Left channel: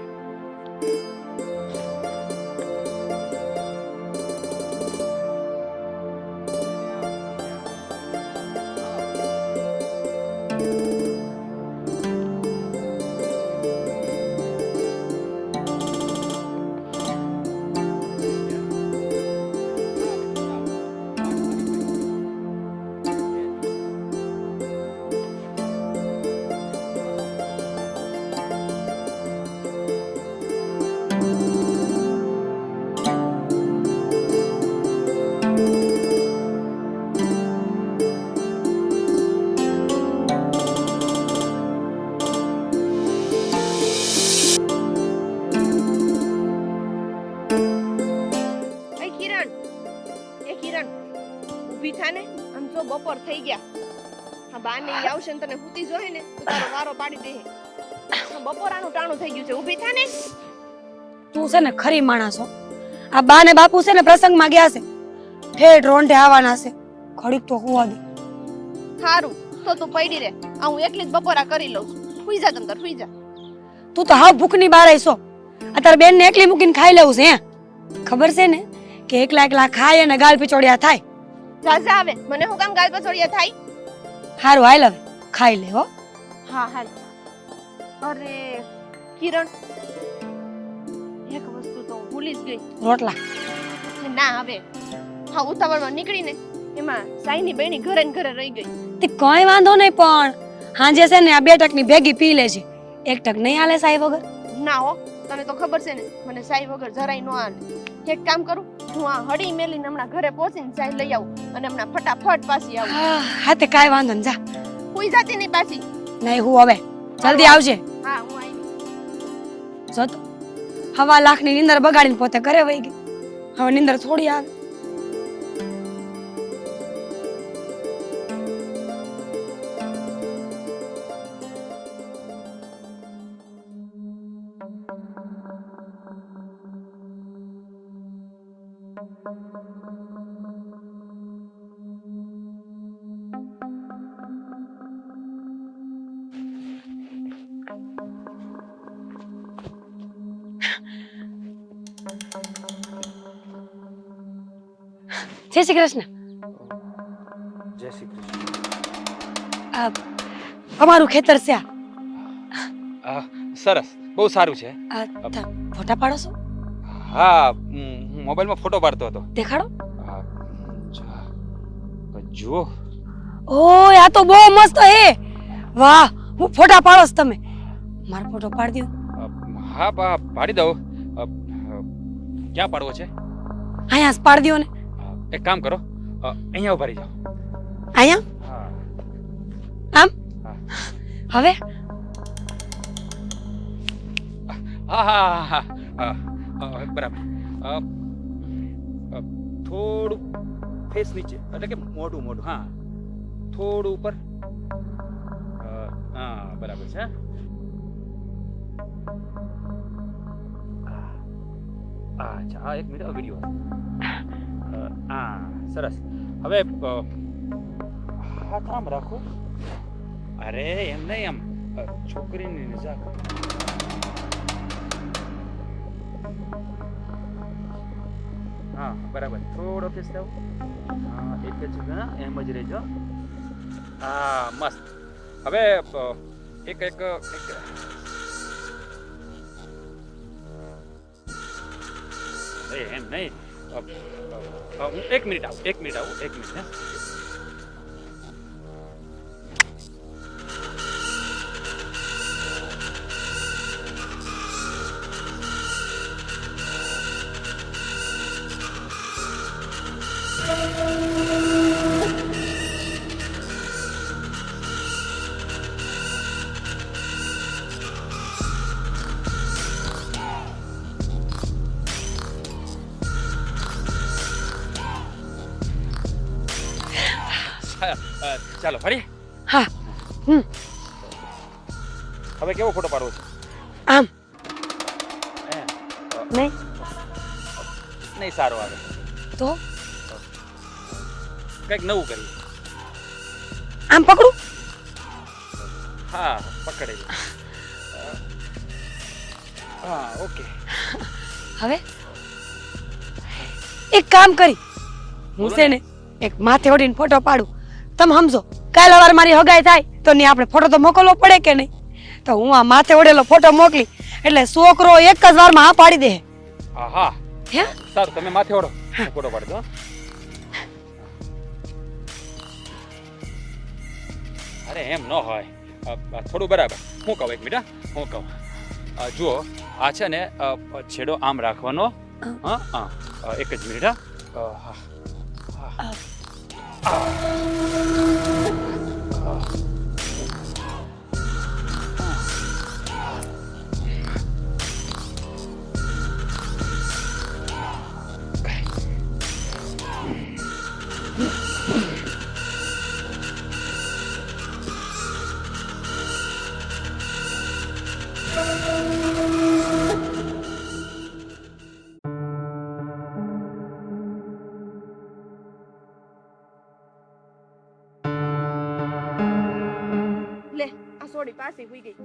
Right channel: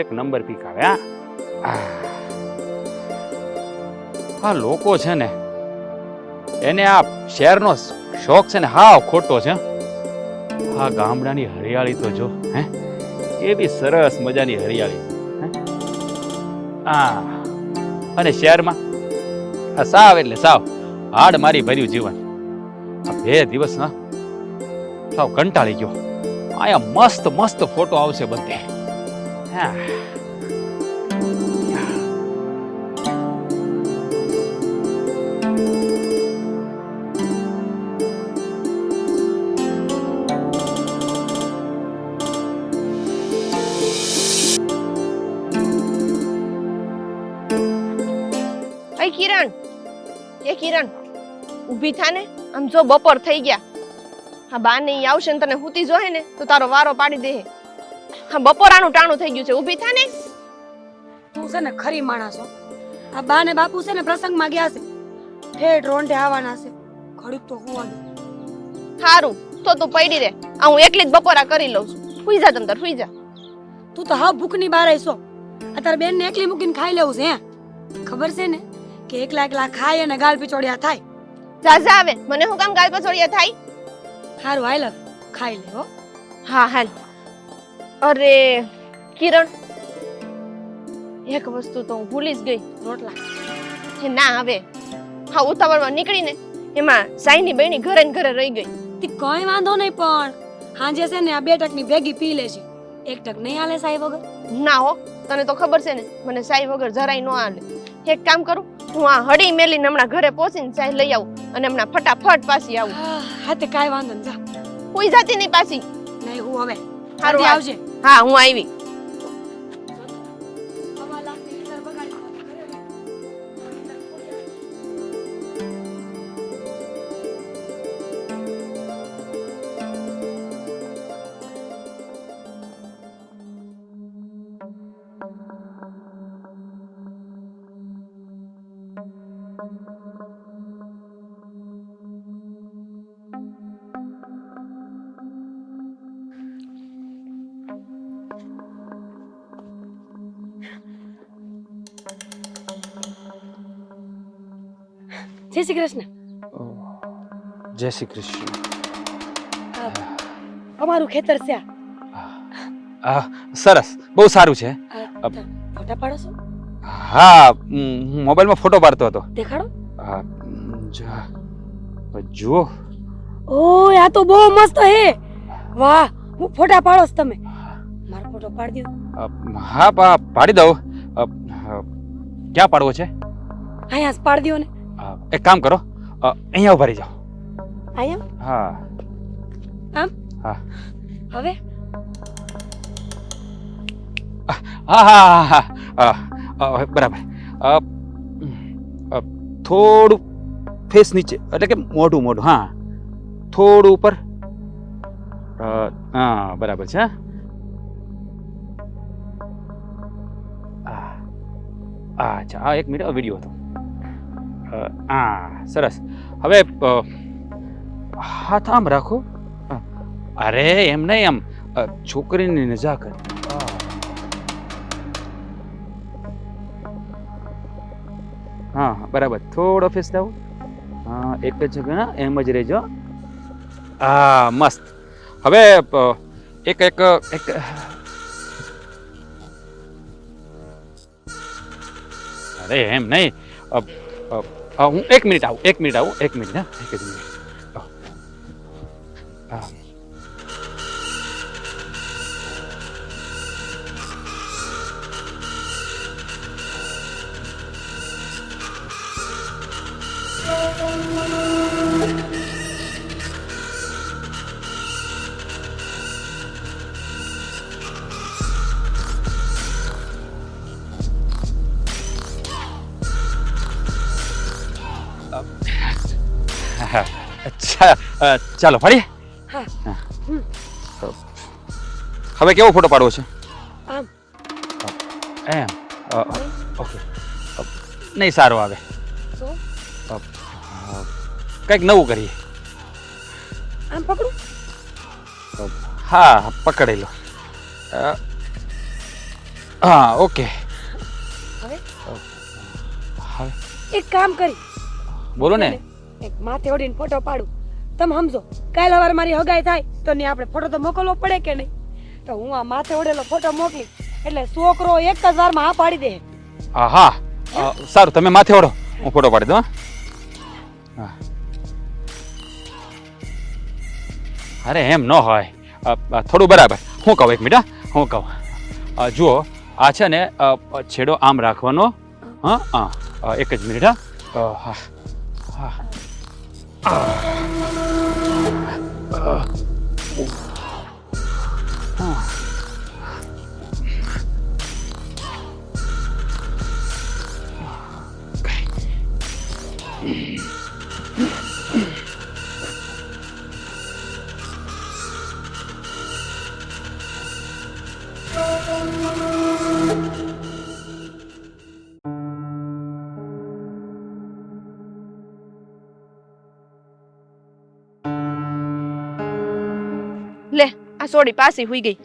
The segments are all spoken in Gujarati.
એક નંબર પીક આવે. આ લોકો છે ને એને આ શહેરનો શોખ છે ને હાવ ખોટો છે. આ ગામડાની હરિયાળી તો જો હે એવી સરસ મજાની હરિયાળી. અને શહેરમાં સાવ એટલે સાવ હાડ મારી ભર્યું જીવન. 2 દિવસ ના સાવ કંટાળી ગયો. આયા મસ્ત મસ્ત ફોટો આવશે બધે. કિરણ ઊભી થા ને. આમ જો બપોર થઈ ગયા. હા બા ને આવશે ને તને હુતી જોહે ને તો તારો વારો પાડી દે. હા બપોરાનું ટાણું થઈ ગયું છે. ઊભી થા ને. તું છે ને ખરી માણસ છો. આ બા ને બાપુ છે ને પ્રસંગમાં ગયા છે. ઠેઠ રોંઢે આવવાના છે. ઘડીક તો હુવા દે. સારું તો તું પડી રે. આ હું એકલી જ બપોરા કરી લઉં છું. સુઈ જા તંતર સુઈ જા. તું તો હાવ ભૂખની બાર આઈસો. આ તાર બેન ને એકલી મૂકીને ખાઈ લેવું છે. ખબર છે ને કે એકલા એકલા ખાય અને ગાલ પીચોડિયા થાય. જાજા આવે મને હું કામ ગાલ પછોડિયા થાય. હારું હાલ હવે ખાઈ લે હો. હા હાલ. અરે કિરણ એક વસ્તુ તો હું ભૂલી જ ગઈ. રોટલા ના હવે હા ઉતાવળમાં નીકળીને એમાં સાઈની બહેની ઘરે ને ઘરે રહી ગઈ. તે કઈ વાંધો નહીં પણ હાંજે છે ને આ 2 ટકની ભેગી પી લેજે. 1 ટક નહીં હાલે સાઈ વગર. ના હો તને તો ખબર છે ને મને સાઈ વગર જરાય ન હાલે. એક કામ કરું હું આ હડી મેલીને હમણાં ઘરે પહોંચીને ચાય લઈ આવું અને હમણાં ફટાફટ પાછી આવું. હા તે કાઈ વાંધો નહીં જા. કોઈ જાતી નહીં પાછી. નહીં હું હવે જલ્દી આવજે. હા હું આવી. જો તો 1.5 લાખની નીંદર બગાડીને પોતે ઘરે વઈ ગઈ. હવે નીંદર થોડી આવે. જય શ્રી કૃષ્ણ. જય શ્રી કૃષ્ણ. અમારું ખેતર છે સરસ બહુ સારું છે. ફોટા પાડો છો? હા હું મોબાઈલમાં ફોટો પાડતો હતો. દેખાડો. હા જુઓ. ઓય આ તો બહુ મસ્ત હે. વાહ હું ફોટા પાડો છો તમે. મારો ફોટો પાડી દો. હા પાડી દઉં. ક્યાં પાડવો છે? અહીંયા પાડી દો ને. એક કામ કરો અહીંયા ઉભા રહી જાઓ. અહીંયા? હા આમ? હા હવે? હા હા હા બરાબર. થોડું ફેસ નીચે એટલે કે મોઢું મોઢું. હા થોડું ઉપર. હા બરાબર છે. અચ્છા એક મિનિટ વિડીયો. હા સરસ. હવે હાથ આમ રાખો. અરે એમ નહીં એમ છોકરીની નજાકત. હા બરાબર થોડો ફેસ લાવો. હા એક જ એમ જ રહેજો. હા મસ્ત. હવે એક એક એક અરે એમ નહીં હું 1 મિનિટ આવું. 1 મિનિટ આવું. 1 મિનિટ. હા 1 મિનિટ. ચાલો ફરી. હા હવે કેવો ફોટો પાડવો છે? આમ એમ નહીં નહીં સારો આવે તો કંઈક નવું કરીએ. આમ પકડું. હા પકડી લો. હા ઓકે હવે એક કામ કરી બોલો છે ને. ને એક માથે ઓઢીને ફોટો પાડું. તમે સમજો કાલ સવારે મારી હગાઈ થાય તો ને આપણે ફોટો તો મોકલવો પડે કે નહીં? તો હું આ માથે ઓઢેલો ફોટો મોકલી એટલે છોકરો એક જ વારમાં હા પાડી દે. હા હે? સારું તમે માથે ઓઢો હું ફોટો પાડી દઉં હા. અરે એમ ન હોય થોડું બરાબર હું કહું એક મિનિટ હું કહું જુઓ આ છે ને છેડો આમ રાખવાનો હા હા એક જ મિનિટ હા હા લે આ સોડી પાછી હુઈ ગઈ.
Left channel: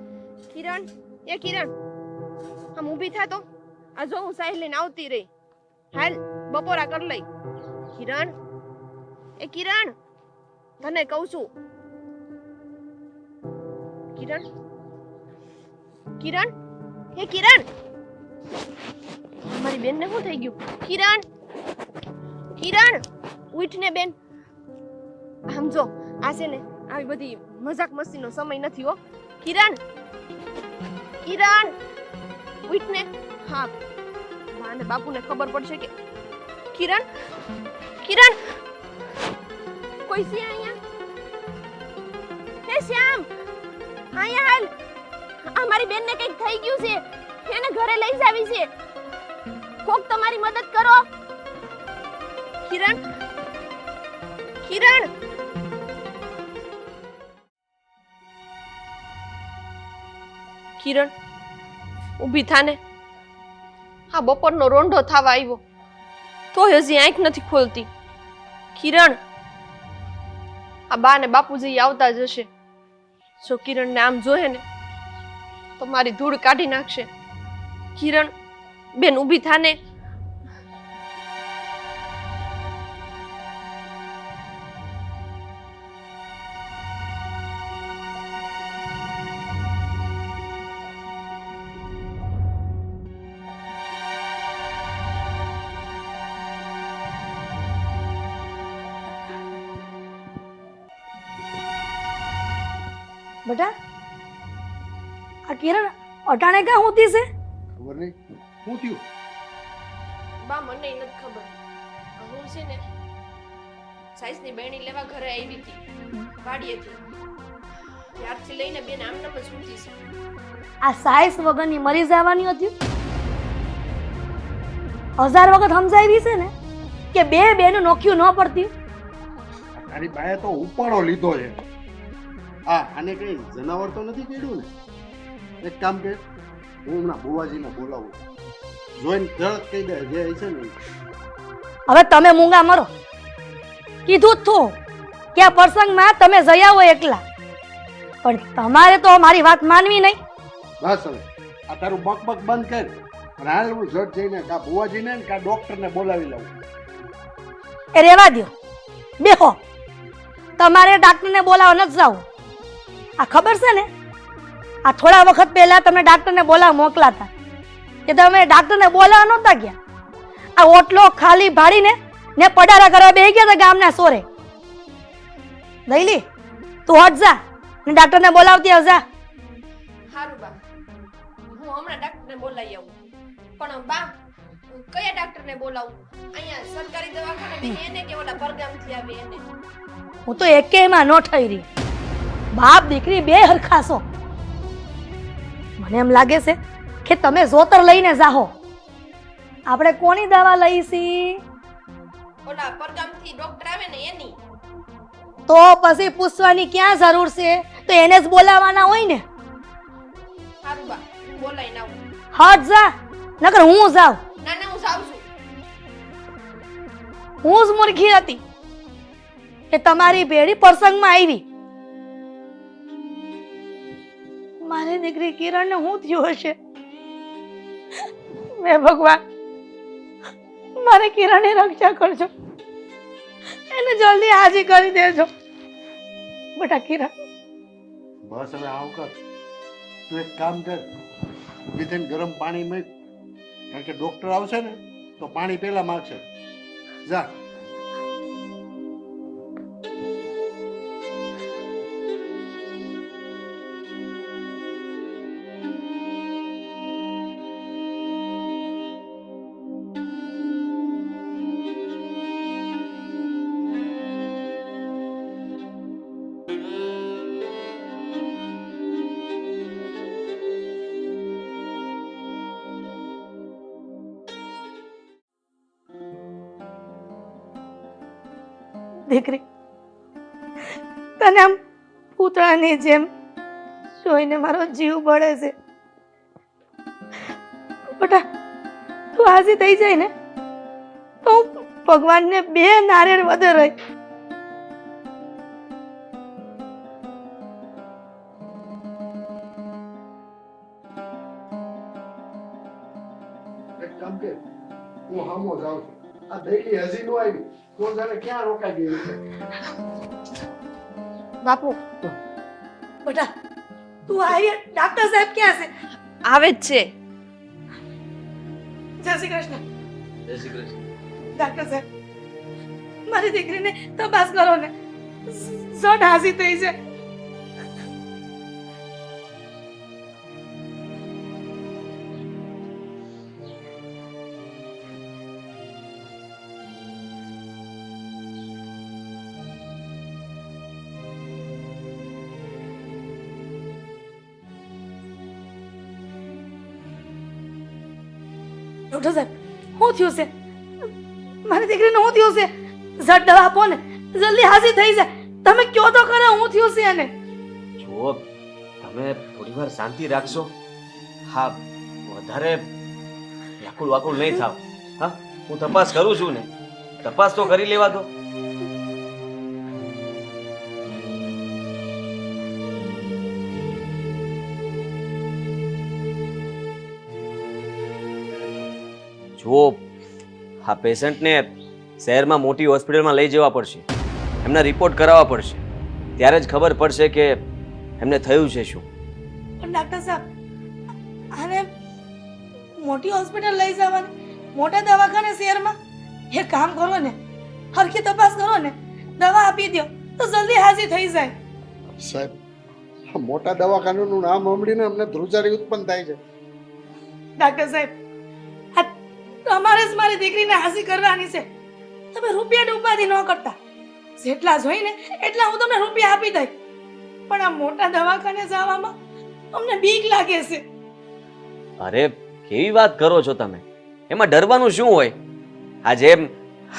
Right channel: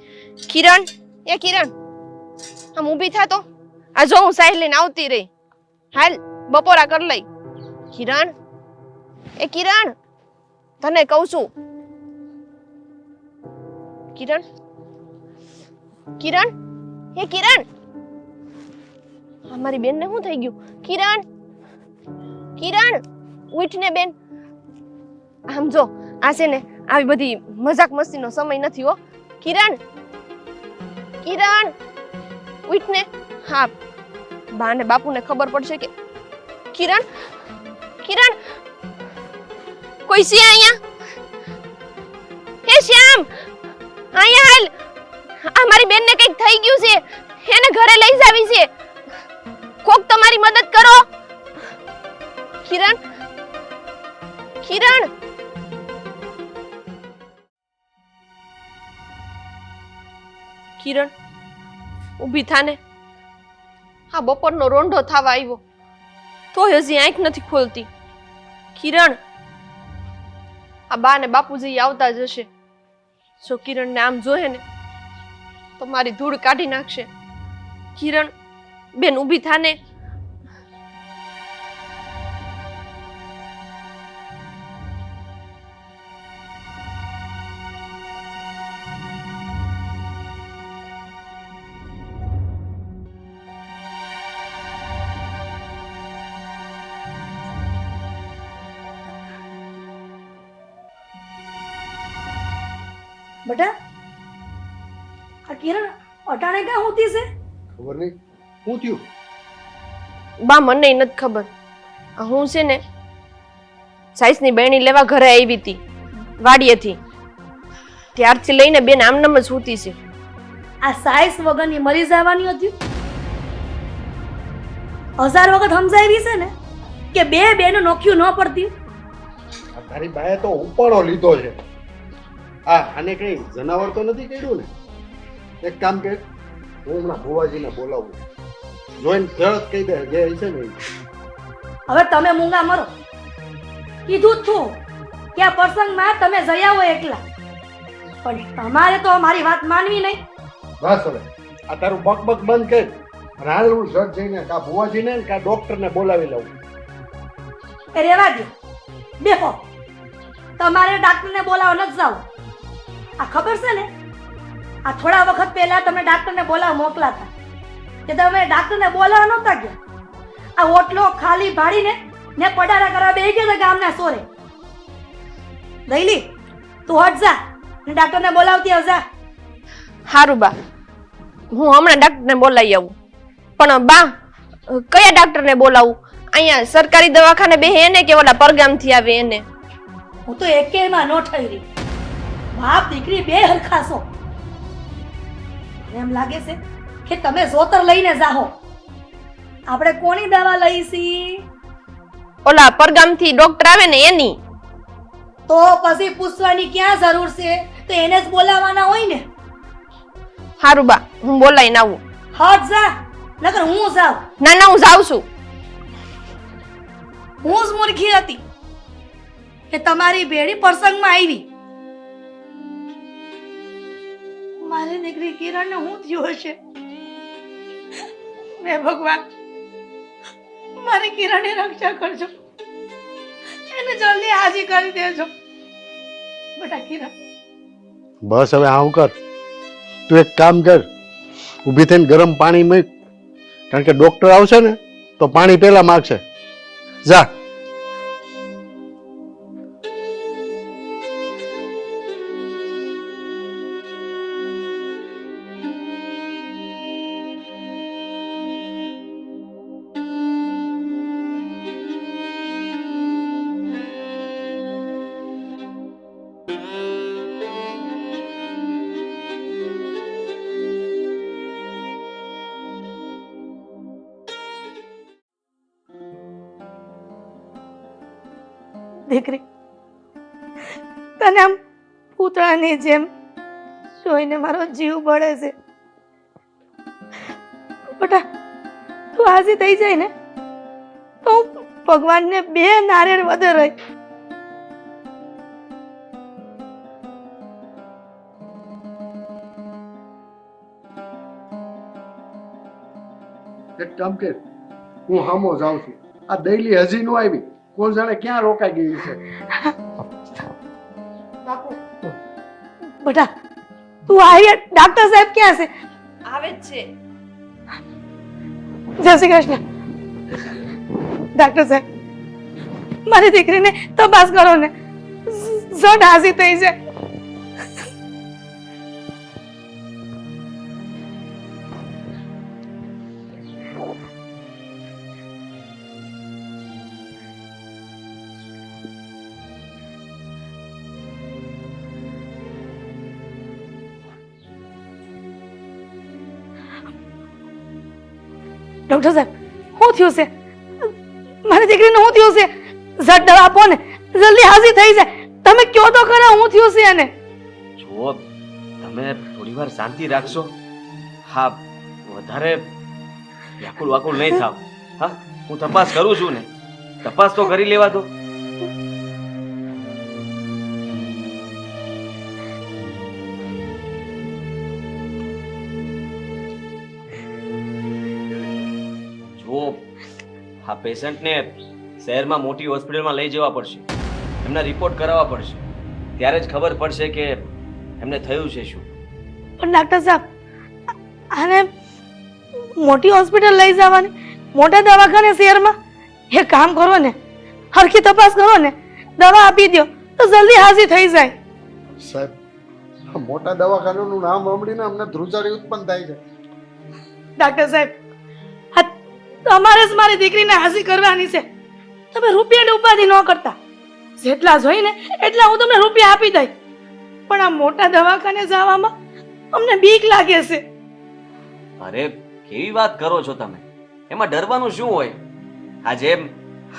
કિરણ, એ કિરણ, આમ ઊભી થા તો. આ જો હું સાહેબ લઈને આવતી રહી. હાલ બપોરા કર લઈ. કિરણ, એ કિરણ, તને કહું છું. કિરણ, કિરણ, એ કિરણ, અમારી બેન ને શું થઈ ગયું? કિરણ, કિરણ, ઉઠ ને બેન. આમ જો આ છે ને આવી બધી મજાક મસ્તીનો સમય નથી હો. કિરણ, કિરણ, ઉઠ ને. હા, બા ને બાપુને ખબર પડશે કે કિરણ, કિરણ, કોઈ છે અહીંયા? હે શ્યામ, અહીંયા હાલ. આ મારી બેનને કંઈક થઈ ગયું છે, એને ઘરે લઈ જાવી છે. કોક તમારી મદદ કરો. કિરણ, કિરણ, કિરણ, ઊભી થાને. આ બપોરનો રોંઢો થવા આવ્યો તો હજી આંખ નથી ખોલતી. કિરણ, આ બા ને બાપુજી આવતા જ હશે. જો કિરણને આમ જોહે ને તો મારી ધૂળ કાઢી નાખશે. કિરણ બેન ઊભી થાને. બેટા આ કિરણ અટાણે ક્યાં હોતી છે? ખબર નહીં શું થયું. બા મને નથી ખબર. હું છે ને સાઈસની બહેણી લેવા ઘરે આવી હતી વાડીએથી. ત્યારથી લઈને બેન આમનામ જ સૂતી છે. આ સાઈસ વગરની મરી જવાની હતી. 1000 વખત સમજાવી છે ને કે બે બેનો નોખ્યું ન પડતી. આ તારી બાએ તો ઉપાડો લીધો છે. આને કઈ જનાવર તો નથી કર્યું ને? એક કામ કર, હું હમણાં ભુવાજીને બોલાવું, જોઈને તરત કહી દે જે હશે ને. હવે તમે મૂંગા મરો. કીધું જ તું કે આ પ્રસંગમાં તમે જઈ આવો એકલા, પણ તમારે તો મારી વાત માનવી નહીં. બસ હવે આ તારું બકબક બંધ કર અને હાલ હું ઝટ જઈને કા ભુવાજીને ને કા ડોક્ટરને બોલાવી લઉં. એ રેવા દો, બેહો. તમારે ડાક્ટરને બોલાવવા નથી જાવ. આ ખબર છે ને, આ થોડા વખત પહેલા તમે ડાક્ટરને બોલાવવા મોકલાતા કે તમે ડાક્ટરને બોલાવવા નહોતા ગયા. આ ઓટલો ખાલી ભાડીને ને પડારા કરવા બેહી ગયા હતા ગામના સોરે. લઈલી તું હટ જા ને ડાક્ટરને બોલાવતી આવજા. હારું બા, હું હમણાં ડાક્ટરને બોલાવી આવું. પણ બા, કયા ડાક્ટરને બોલાવું? અહીંયા સરકારી દવાખાને બે એને કે ઓલા પરગામથી આવે એને? હું તો એકેયમાં ન થઈ રહી. બાપ દીકરી બે હરખાશો. મને એમ લાગે છે કે તમે જોતર લઈને જાહો. આપણે કોની દવા લઈશી? ઓલા પરગામથી ડોક્ટર આવે ને એની. તો પછી પૂછવાની ક્યાં જરૂર છે? તો એને જ બોલાવવાના હોય ને. હારું બા, હું બોલાવીને આવું. હટ જા, નકર હું જાઉં. ના ના, હું જાઉં છું. હું જ મૂર્ખી હતી કે તમારી ભેળી પ્રસંગમાં આવી. મારી દીકરી કિરણને શું થયું હશે? હે ભગવાન, મારી કિરણની રક્ષા કરજો, એને જલ્દી હાજી કરી દેજો. બેટા કિરણ, બસ હવે આવું કર. તું એક કામ કર, ઊભી થઈને ગરમ પાણી મૂક, કારણ કે ડોક્ટર આવશે ને તો પાણી પહેલા માગશે. જા. દીકરી, તને આમ પૂતળાની જેમ જોઈને મારો જીવ બળે છે. બેટા, તું હાજી થઈ જાય ને તો હું ભગવાનને 2 નારિયેળ વધારે રહી. એક કામ કર, હું હામો જાઉં છું. આ દૈલી હજી નો આવી, કોણ જાણે ક્યાં રોકાઈ ગયું છે. બાપુ બેટા, તું આવી, ડાક્ટર સાહેબ ક્યાં છે? આવે જ છે. જય શ્રી કૃષ્ણ. ડાક્ટર સાહેબ, મારી દીકરીને તપાસ કરો ને, ઝટ હાજી થઈ જાય. ડોક્ટર સાહેબ, શું થયું છે? મારી દીકરીને શું થયું છે? ઝટ દવા આપો ને, જલ્દી હાજી થઈ જાય. તમે કયો તો ખરા શું થયું છે એને? જુઓ, તમે થોડી વાર શાંતિ રાખશો. હા, વધારે વ્યાકુળ વાકુળ નહીં થાવ. હા, હું તપાસ કરું છું ને, તપાસ તો કરી લેવા દો. જો આ પેશન્ટને શહેરમાં મોટી હોસ્પિટલમાં લઈ જવા પડશે, એમના રિપોર્ટ કરાવવા પડશે, ત્યારે જ ખબર પડશે કે એમને થયું છે શું. પણ ડાક્ટર સાહેબ, આને મોટી હોસ્પિટલ લઈ જવાની, મોટા દવાખાને શહેરમાં? એ કામ કરો ને, હરખી તપાસ કરો ને, દવા આપી દો તો જલ્દી હાજી થઈ જાય. સાહેબ, આ મોટા દવાખાનાનું નામ સાંભળીને અમને ધ્રુજારી ઉત્પન્ન થાય છે. ડાક્ટર સાહેબ, તમારે જ મારી દીકરીને હાજી કરવાની છે. તમે રૂપિયાની ઉપાધિ ન કરતા. જેટલા જોઈને એટલા હું તમને રૂપિયા આપી દઈ. પણ આ મોટા દવાખાને જવામાં અમને બીક લાગે છે. અરે કેવી વાત કરો છો તમે? એમાં ડરવાનું શું હોય? આ જેમ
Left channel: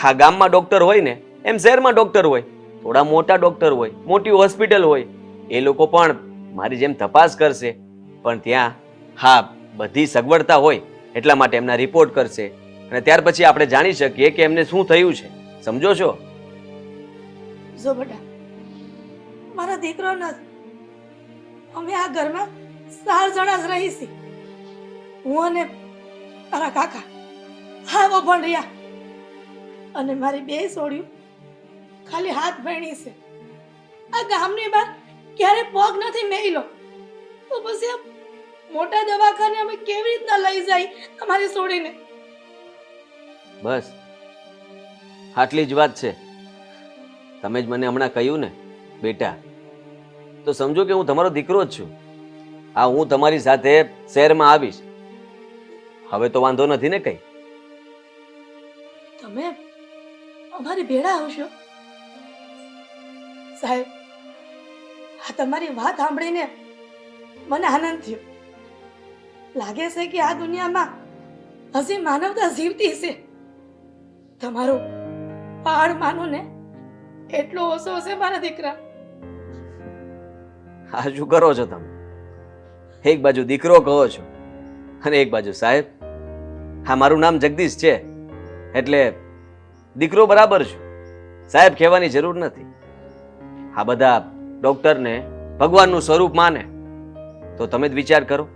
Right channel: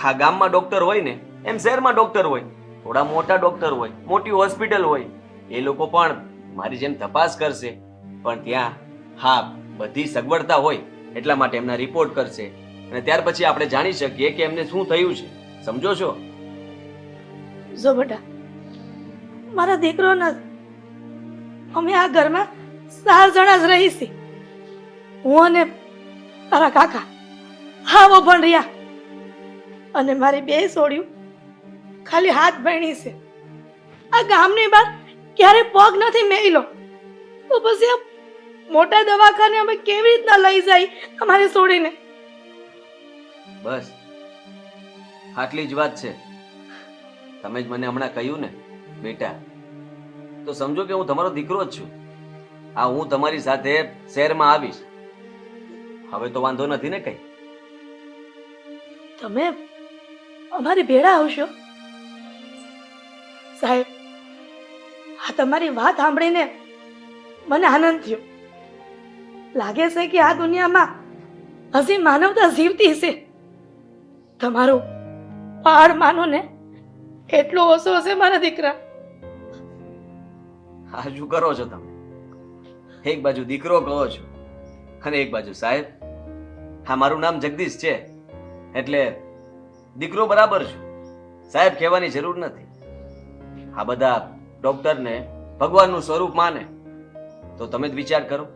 આ ગામમાં ડોક્ટર હોય ને, એમ શહેરમાં ડોક્ટર હોય. થોડા મોટા ડોક્ટર હોય, મોટી હોસ્પિટલ હોય, એ લોકો પણ મારી જેમ તપાસ કરશે. પણ ત્યાં હા બધી સગવડતા હોય એટલા માટે એમના રિપોર્ટ કરશે અને ત્યાર પછી આપણે જાણી શકીએ કે એમને શું થયું છે. સમજો છો? જો બેટા, મારો દીકરો નથી. અમે આ ઘરમાં 4 જણા જ રહી છીએ. હું અને તારા કાકા હાવો પણ રહ્યા, અને મારી 2 છોડ્યું ખાલી હાથ ભણી છે. આ ગામની બહાર ક્યારે પગ નથી મેલ્યો. તો પછી આ મોટા દવાખાને અમે કેવી રીતના લઈ જાય અમારે છોડીને? બસ આટલી જ વાત છે. તમે જ મને હમણાં કહ્યું ને બેટા, તો સમજો કે હું તમારો દીકરો જ છું. હા, હું તમારી સાથે શહેરમાં આવીશ. હવે તો વાંધો નથી ને કઈ? તમે અમારી ભેળા આવશો? સાહેબ, આ તમારી વાત સાંભળીને મને આનંદ થયો. લાગે છે કે આ દુનિયામાં હજી માનવતા જીવતી છે. તમારું પહાડ માનો ને એટલો ઓછો છે મારા દીકરા. આ શું કરો છો તમે? એક બાજુ દીકરો કહો છો અને એક બાજુ સાહેબ. હા, મારું નામ જગદીશ છે એટલે દીકરો બરાબર છું, સાહેબ કહેવાની જરૂર નથી. આ બધા ડોક્ટરને ભગવાનનું સ્વરૂપ માને તો તમે જ વિચાર કરો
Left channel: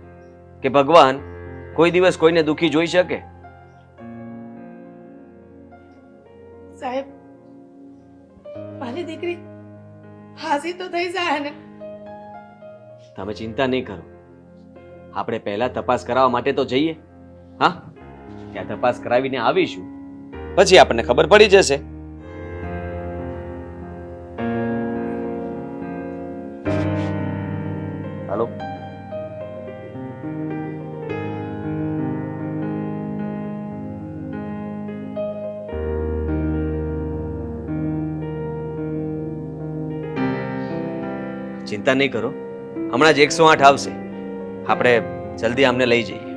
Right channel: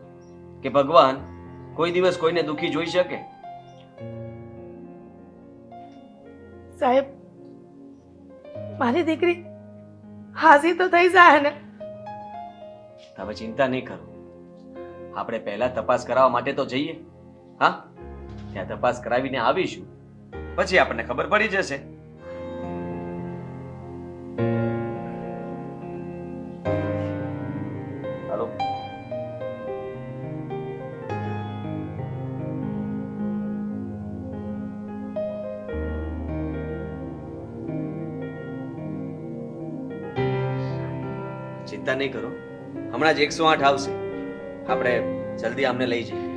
કે ભગવાન કોઈ દિવસ કોઈને દુખી જોઈ શકે? સાહેબ, મારી દીકરી હાજી તો થઈ જાય ને? તમે ચિંતા નહીં કરો. આપણે પહેલા તપાસ કરાવવા માટે તો જઈએ. હા, ત્યાં તપાસ કરાવીને આવીશું, પછી આપણને ખબર પડી જશે. હાલો. ચિંતા નહીં કરો, હમણાં જ 108 આવશે. આપણે જલ્દી આમને લઈ જઈએ.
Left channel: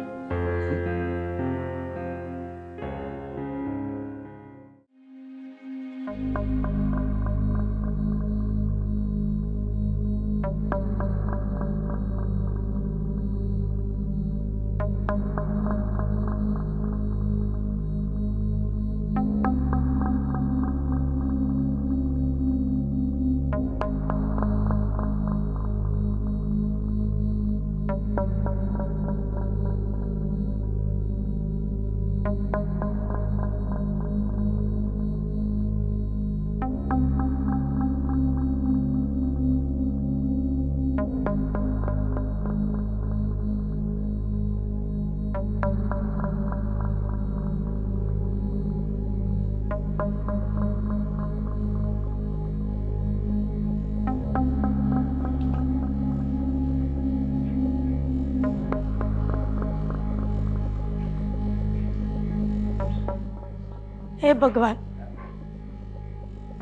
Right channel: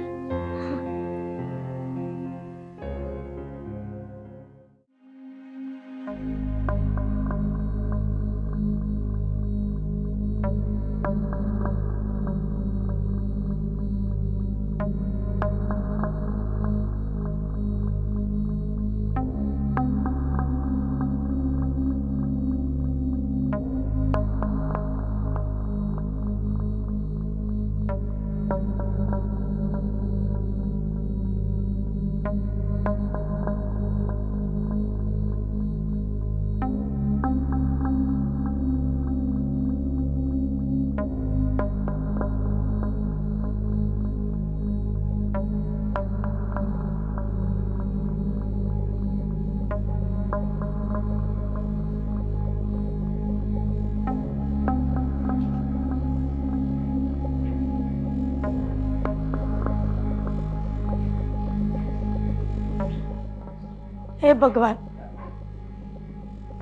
હે ભગવાન,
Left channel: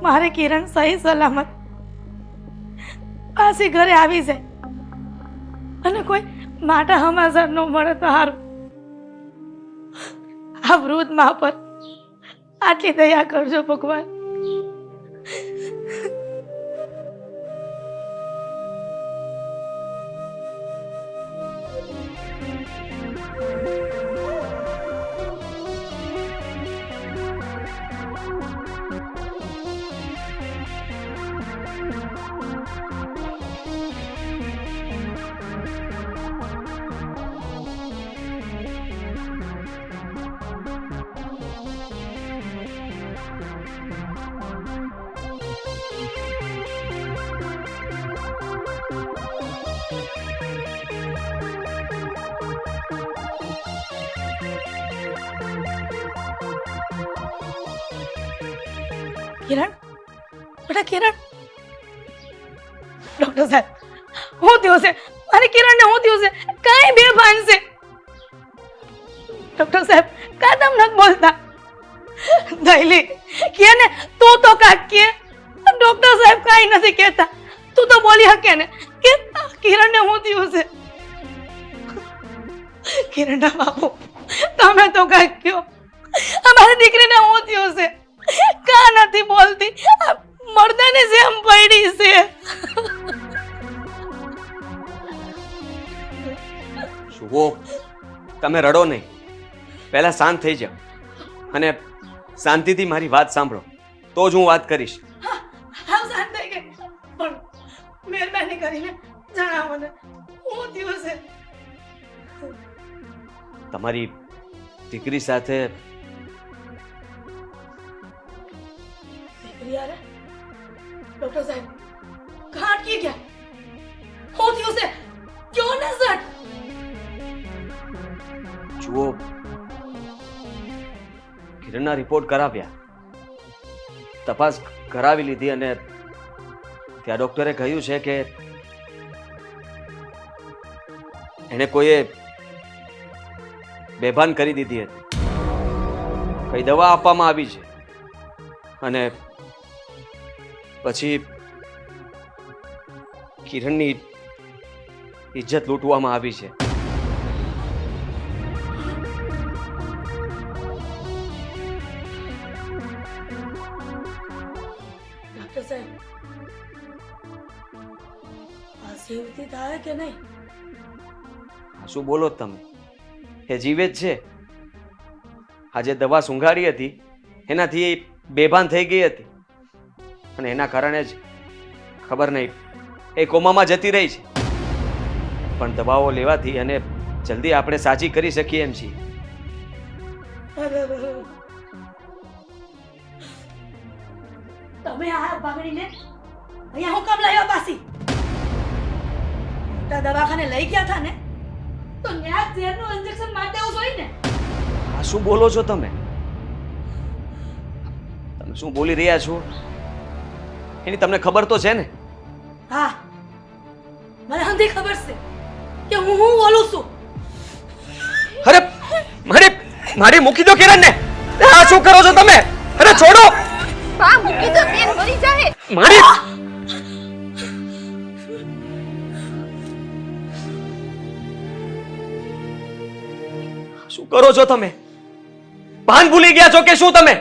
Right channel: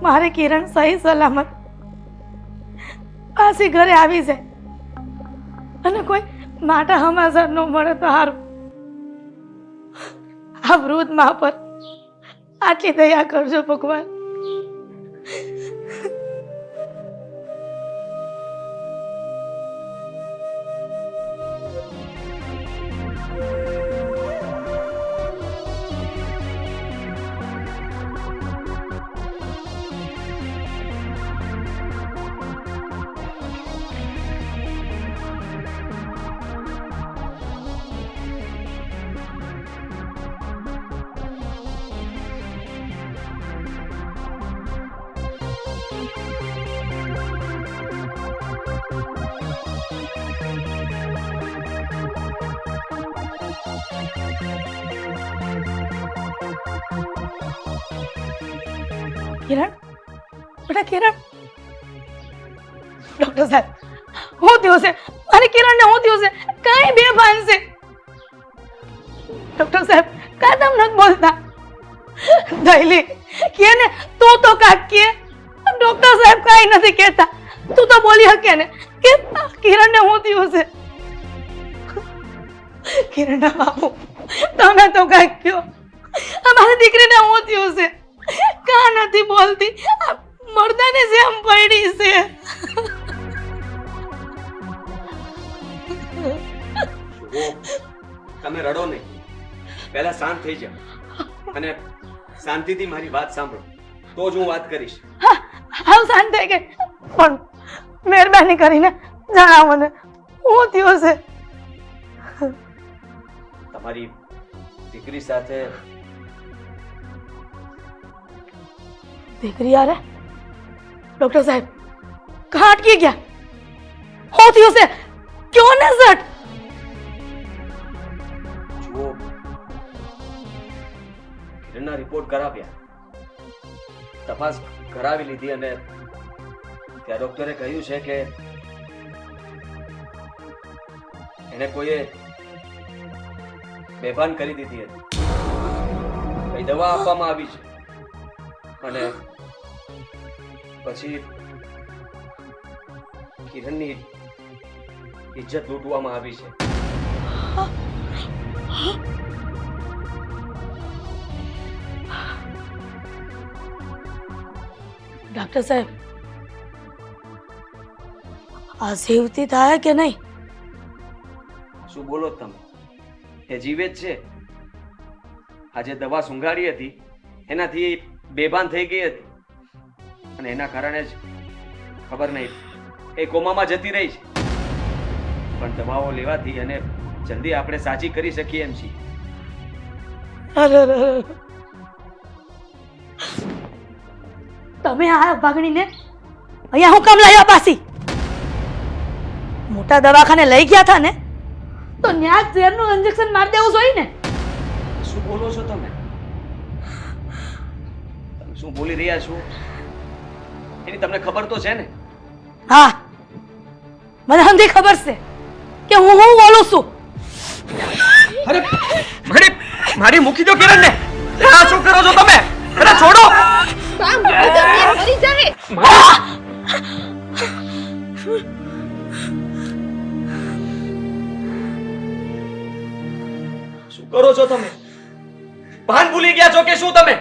મારે કિરણ સહી સલામત પાછી ઘરે આવી જાય અને કોઈ માટા હમાસર ન મળે તો સારું. આ વૃદ્ધ મા પર આટલી દયા કરજો ભગવાન. કિરણ, બેટા કિરણ. ડોક્ટર સાહેબ, હું થયું છે? મારી કિરણને હું થયું છે? કાંઈ બેભાન છે? ડોક્ટર સાહેબ, કાં તમે નથી બોલતા? દૈલી કે ને, તું તો કાંઈક કે. ડોક્ટર સાહેબ કાંઈ નથી કહેતા. તું તો બોલી શકે ને કે કિરણને હું થયું છે? કિરણના બાપુ, તમે તો કાંઈક કહો. અમારી દીકરીને હું થયું છે? કા નથી બોલતી? મરદાની જેમ પડી છે. શુભો, તમે રડો નહીં, પહેલા શાંત થઈ જાઓ અને શાંતિથી મારી વાત સાંભળો, તો જ હું વાત કરીશ. હા, શાંત થઈ ગઈ, પણ મહેરબાની કરીને જણાવો ને હું થયું છે? તમારી દીકરી સાથે દીકરી યારે? ડોક્ટર સાહેબ, કहाँ અટકી ગયા? હું થયું છે? ક્यों ને સટ? જુઓ, કિરણના રિપોર્ટ કરાવ્યા, તપાસ કરાવી લીધી અને ત્યાં ડોક્ટરે કહ્યું છે કે એને કોઈએ બેભાન કરી દીધી હતી. કઈ દવા આપવામાં આવી છે અને પછી કિરણની ઇજ્જત લૂંટવામાં આવી છે. ડોક્ટર સાહેબ, આ જીવતી થાય કે નહીં? શું બોલો તમે? એ જીવે જ છે. આજે દવા સૂંઘાડી હતી એનાથી બેભાન થઈ ગઈ હતી અને એના કારણે જ ખબર નહીં એ કોમામાં જતી રહી છે. પણ દવાઓ લેવાથી અને જલ્દી આપણે સાજી કરી શકીએ એમ છીએ. અરે અરે અરે. તમે આ ભાગણીને અહીંયા હું કામ લાવ્યા પાછી? મોટા દવાખાને લઈ ગયા હતા ને તો ન્યા જ ઝેરનું ઇન્જેક્શન મારી દેવું જોઈએ ને. આ શું બોલો છો તમે? તમે શું બોલી રહ્યા છો એની તમને ખબર તો છે ને? હા, મને સમજી ખબર છે કે હું બોલું છું. અરે મારી મૂકી દો કિરણને. આ શું કરો છો તમે? અરે છોડો. બા મૂકી દો, બેન મરી જાહે. શું કરો છો તમે? ભાન ભૂલી ગયા છો કે શું તમે?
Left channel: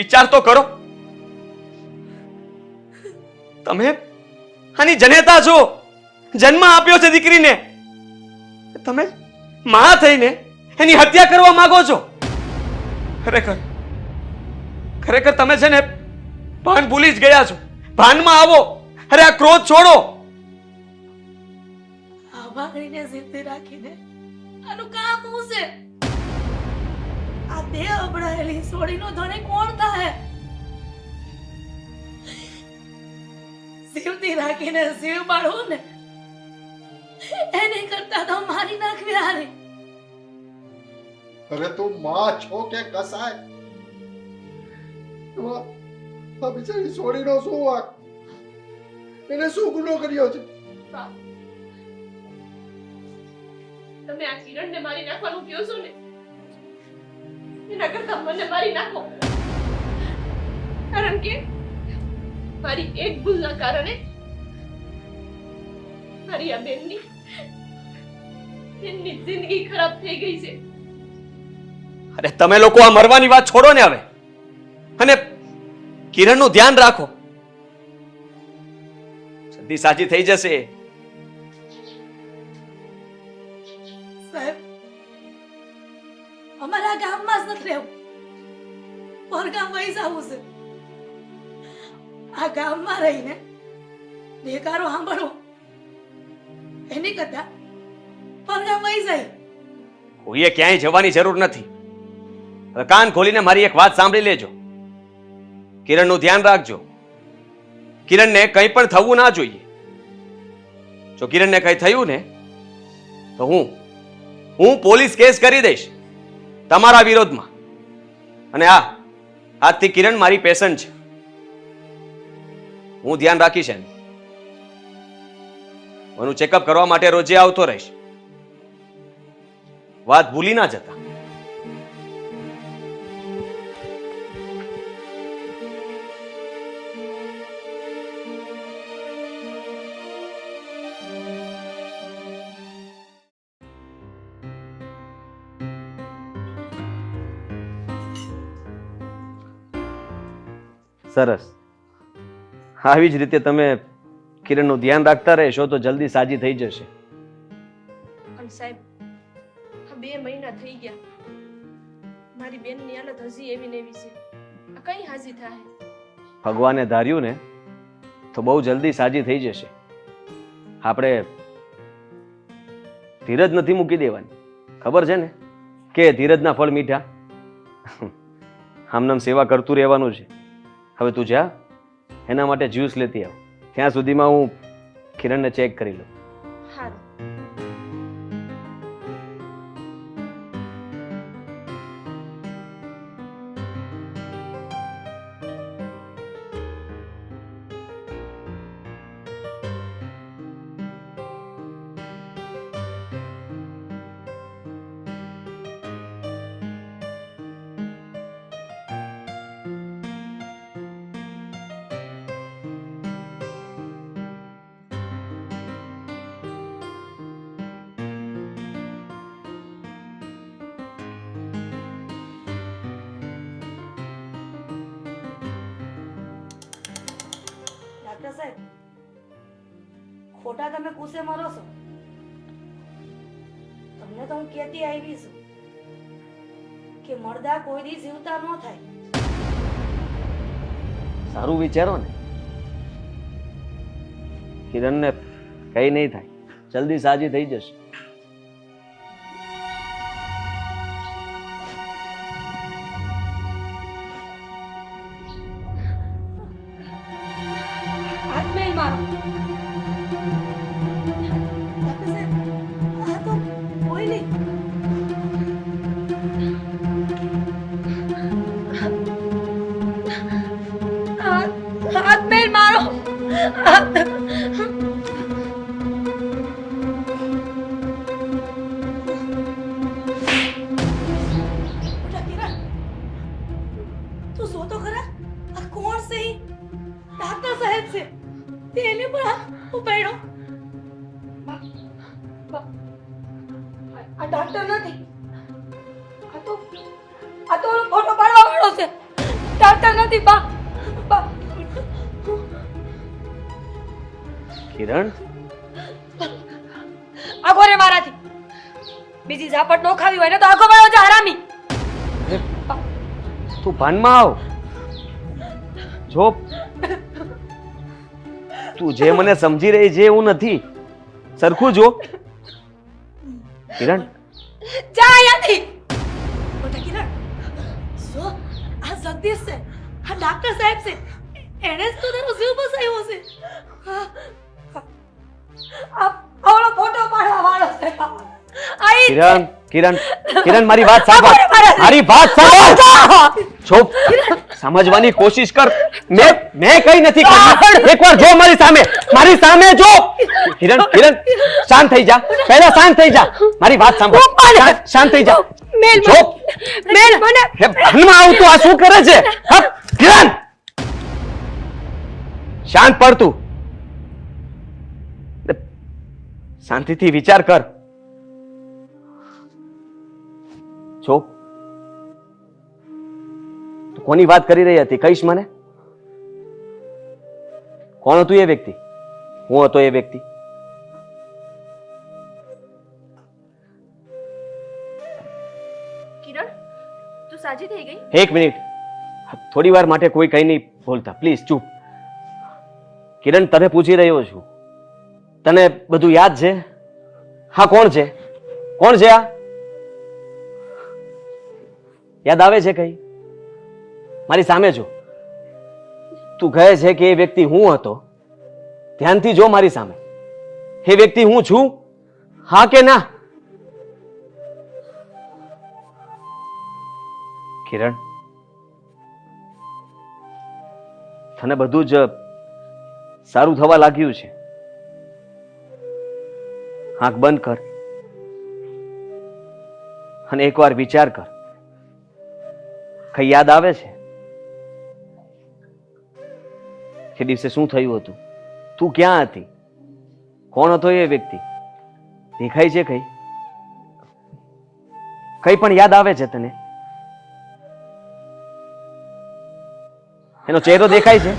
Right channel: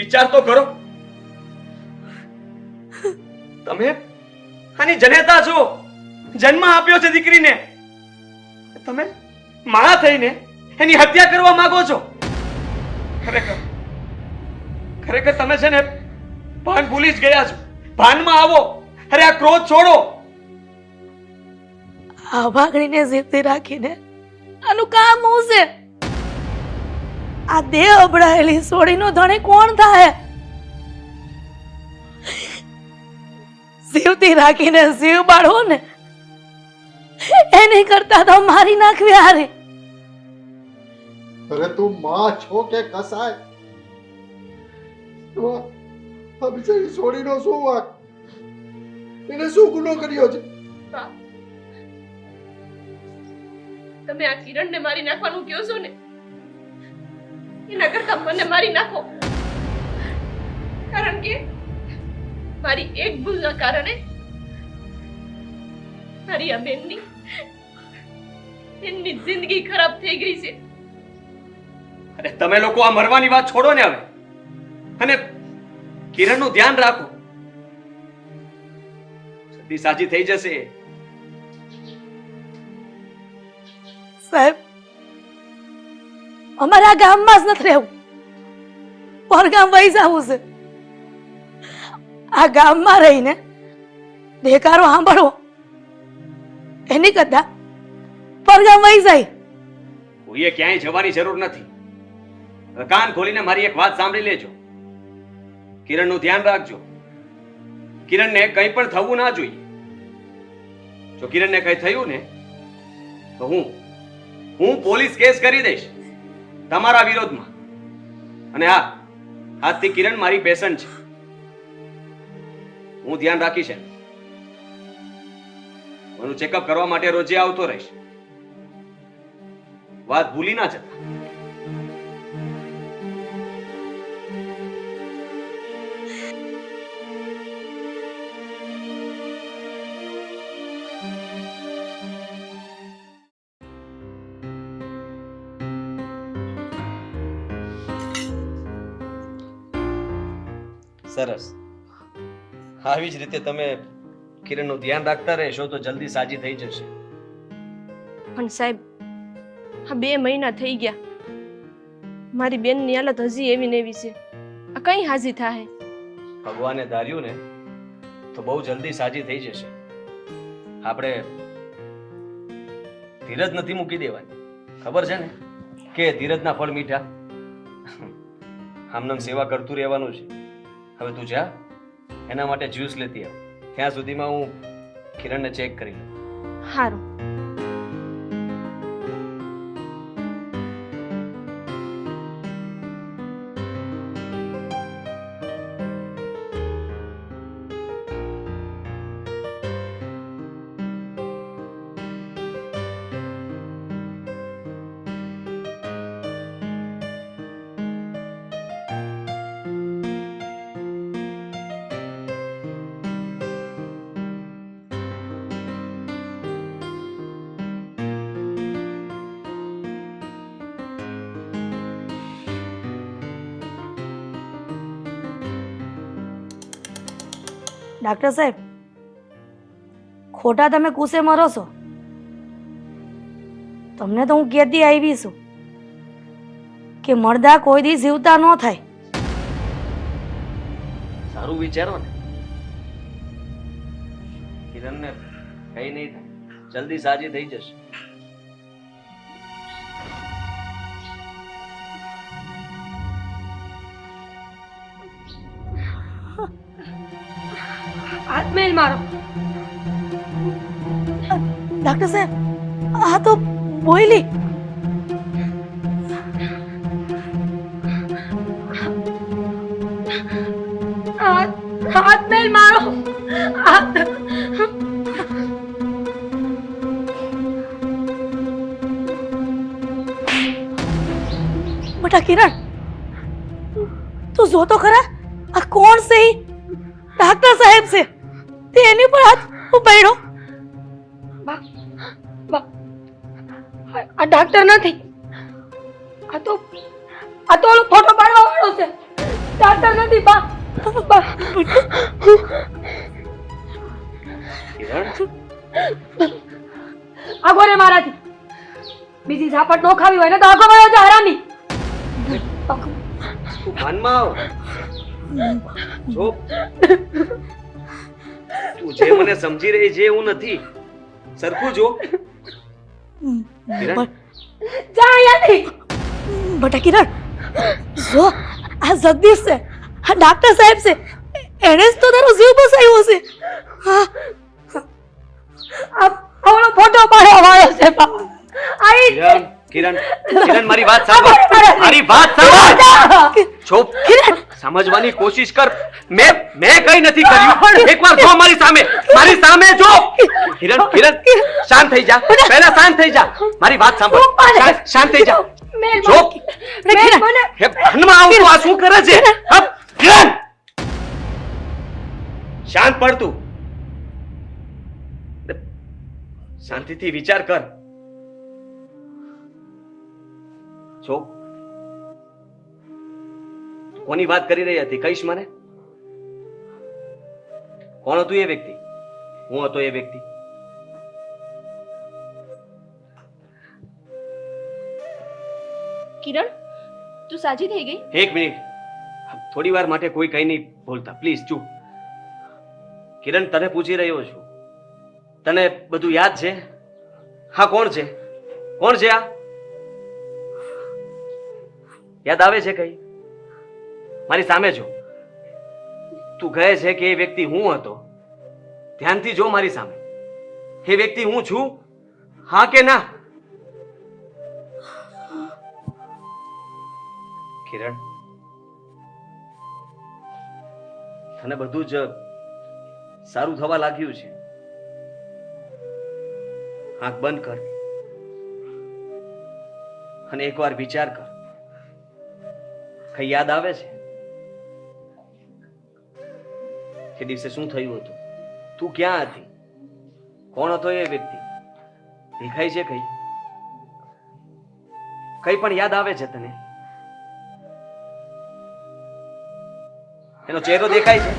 વિચાર તો કરો. તમે આની જનેતા છો, જન્મ આપ્યો છે દીકરીને. તમે માં થઈને એની હત્યા કરવા માંગો છો. ખરેખર તમે છે ને ભાન ભૂલી જ ગયા છો. ભાનમાં આવો. અરે આ ક્રોધ છોડો. આ ભાગણીને જીવતી રાખીને આનું કામ શું છે? આ દેહ અબડાયેલી સોડીનો ધણી કોણ થાય? જીવતી રાખીને જીવ બાળવો ને એની કરતા તો મારી નાખવી હારી. અરે તું માં છો કે કસાય? તો આ બિચારી છોડીનો શું વાંક? એને શું ગુનો કર્યો છે? તમે આ કિરણને મારી નાખવાનું કહો છો ને, એના કરતા મને મારી નાખો. કારણ કે મારી એક ભૂલના કારણે મારી આ બેનની જિંદગી ખરાબ થઈ ગઈ છે. અરે તમે લોકો આ મરવાની વાત છોડો ને હવે, અને કિરણનું ધ્યાન રાખો. જલ્દી સાજી થઈ જશે. સાહેબ, અમારા ગામમાં જ નથી રહેવું, પરગામ વહી જવું છે. આ ગામમાં રહીને દેકારો સાંભળવો એની કરતા પરગામ વહી જાય. કોઈએ ક્યાંય જવાની જરૂર નથી. હવે કાન ખોલીને મારી એક વાત સાંભળી લેજો. કિરણનું ધ્યાન રાખજો. કિરણને કંઈ પણ થવું ના જોઈએ. જો કિરણને કંઈ થયું ને તો હું પોલીસ કેસ કરી દઈશ તમારા વિરોધમાં. અને આજથી કિરણ મારી પેશન્ટ છે. હું ધ્યાન રાખીશ એનું. એનું ચેકઅપ કરવા માટે રોજે આવતો રહીશ. વાત ભૂલી ના જતા. સરસ. આવી જ રીતે તમે કિરણનું ધ્યાન રાખતા રહેશો તો જલ્દી સાજી થઈ જશે. પણ સાહેબ, આ 2 મહિના થઈ ગયા, મારી બેનની હાલત હજી એવી ને એવી છે. આ કઈ હાજી થાય? ભગવાને ધાર્યું ને તો બહુ જલ્દી સાજી થઈ જશે. આપણે ધીરજ નથી મૂકી દેવાની. ખબર છે ને કે ધીરજના ફળ મીઠા. આમનામ સેવા કરતું રહેવાનું છે. હવે તું જા, એના માટે જ્યુસ લેતી આવ. ત્યાં સુધીમાં હું કિરણને ચેક કરી લઉં. સારું. ડાક્ટર સાહેબ, ખોટા તમે કુસે મરો છો. તમને તો હું કહેતી આવી છું કે મરદા કોઈ દી જીવતા ન થાય. સારું વિચારો ને. કિરણને કઈ નહીં થાય. જલ્દી સાજી થઈ જશે. હાથ મેલ મારો. ડોક્ટર સાહેબ, આ તો બોયલી. હાથ મેલ મારો. બેટા કિરણ, તું જો તો ખરા આ કોણ છે? ઈ ડોક્ટર સાહેબ છે. તે એની પર હાથ ઉપાડ્યો. આ ડોક્ટર નથી, આ તો ઓલો ફોટો પાડવા વાળો છે. ડોક્ટર નથી બા. કિરણ, આગો રે મારાથી. બીજી ઝાપટ નો ખાવી હોય ને તો આગો વાળો છે હરામી. તું ભાનમાં આવ. જો તું જે મને સમજી રહી છે એવું નથી. સરખું જો. કિરણ, જા અહીંયાથી. બેટા કિરણ, જો આ જગદીશ છે, આ ડોક્ટર સાહેબ છે. એણે જ તો તારો જીવ બચાવ્યો છે. આ ઓલો ફોટો પાડવા વાળો છે બા. આ ઈ કિરણ, કિરણ, કિરણ, મારી વાત સાંભળ. મારી વાત સાંભળ. ચૂપ. સમજવાની કોશિશ કર. મેં કઈ નથી કર્યું. એકવાર જો મારી સામે, મારી સામે જો. કિરણ, કિરણ, શાંત થઈ જા. પહેલા શાંત થઈ જા. મારી વાત સાંભળ. શાંત થઈ જા. મેલ જો. મેલ મને હે, ભાનમાં આવું તો આ શું કરે છે? હપ, કિરણ, શાંત પડ તું. શાંતિથી વિચાર કર. છો કોની વાત કરી રહી હતી? કહીશ મને? કોણ હતું એ વ્યક્તિ? હું હતો એ વ્યક્તિ? કિરણ, તું સાજી થઈ ગઈ? એક મિનિટ, થોડી વાર માટે કોઈ કઈ નહીં બોલતા પ્લીઝ. ચૂપ. કિરણ, તને પૂછી રહ્યો છું, તને બધું યાદ છે? હા, કોણ છે? કોણ છે આ? યાદ આવે છે કઈ? મારી સામે જો. તું કહે છે કે એ વ્યક્તિ હું હતો. ધ્યાનથી જો મારી સામે. એ વ્યક્તિ હું છું? હા કે ના? કિરણ, તને બધું જ સારું થવા લાગ્યું છે. આંખ બંધ કર અને એકવાર વિચાર કર. કઈ યાદ આવે છે? એ દિવસે શું થયું હતું? તું ક્યાં હતી? કોણ હતો એ વ્યક્તિ? દેખાય છે કઈ? કઈ પણ યાદ આવે છે તને? એનો ચહેરો દેખાય છે?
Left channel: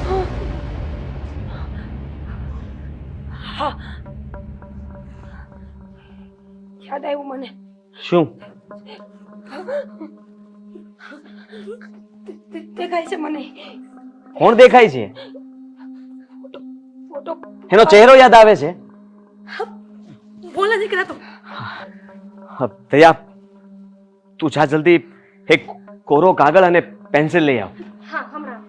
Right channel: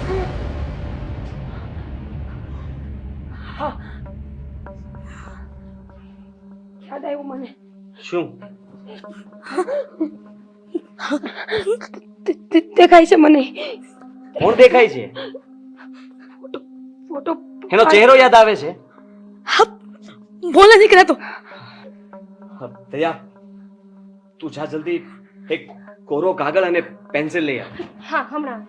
યાદ આવ્યું મને. શું? દેખાય છે મને. કોણ દેખાય છે? ફોટો. એનો ચહેરો યાદ આવે છે? બોલે દીકરા તો. દયા, તું જા જલ્દી એક કોરો કાગળ અને પેન્સિલ લઈ આવ. હા, હમણાં.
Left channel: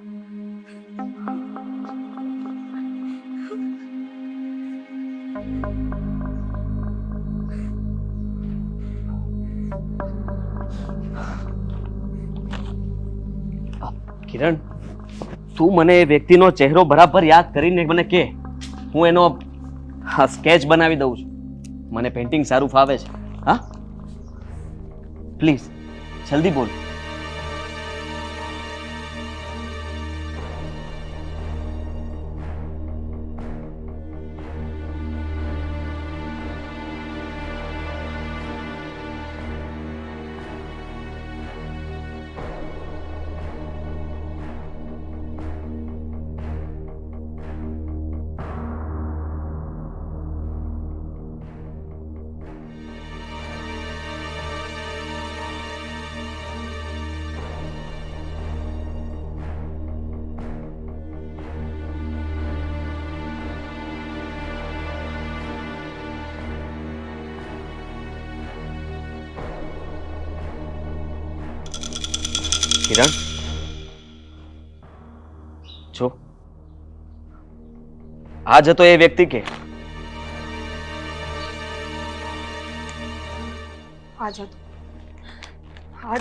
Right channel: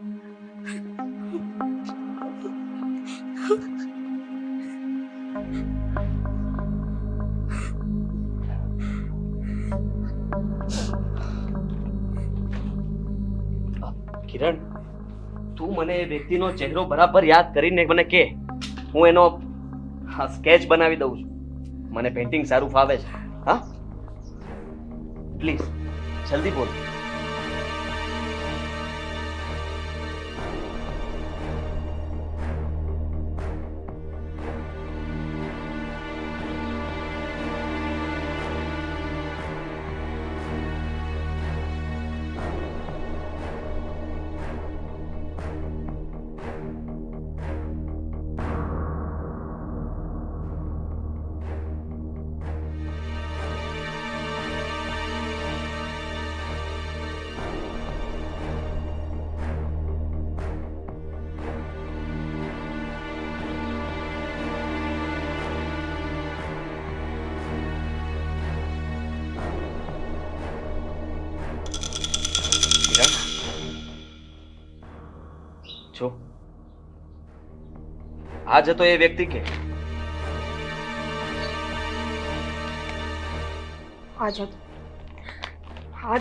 કિરણ, તું મને એ વ્યક્તિનો ચહેરો બરાબર યાદ કરીને મને કે. હું એનો સ્કેચ બનાવી દઉં છું. મને પેઇન્ટિંગ સારું ફાવે છે. હા, પ્લીઝ જલ્દી બોલ. કિરણ, જો આ જતો એ વ્યક્તિ કે આ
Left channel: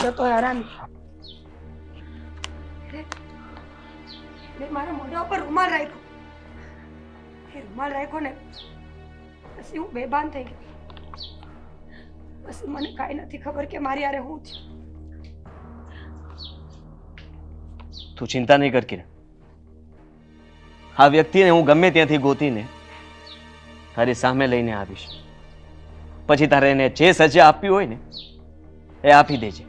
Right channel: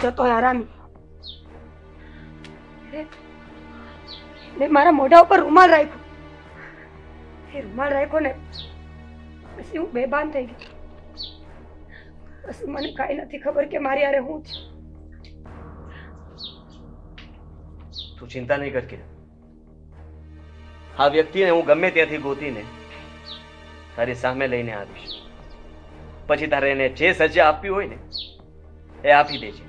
જતો હેરાની. મારા મોઢા ઉપર રૂમાલ રાખ્યો. એ રૂમાલ રાખ્યો ને પછી હું બેભાન થઈ ગઈ. પછી મને કાંઈ નથી ખબર કે મારી યારે હું થયું. તું ચિંતા નહીં કર કિરણ. આ વ્યક્તિને હું ગમે ત્યાંથી ગોતીને તારી સામે લઈને આવીશ. પછી તારે એને જે સજા આપવી હોય ને એ આપી દેજે.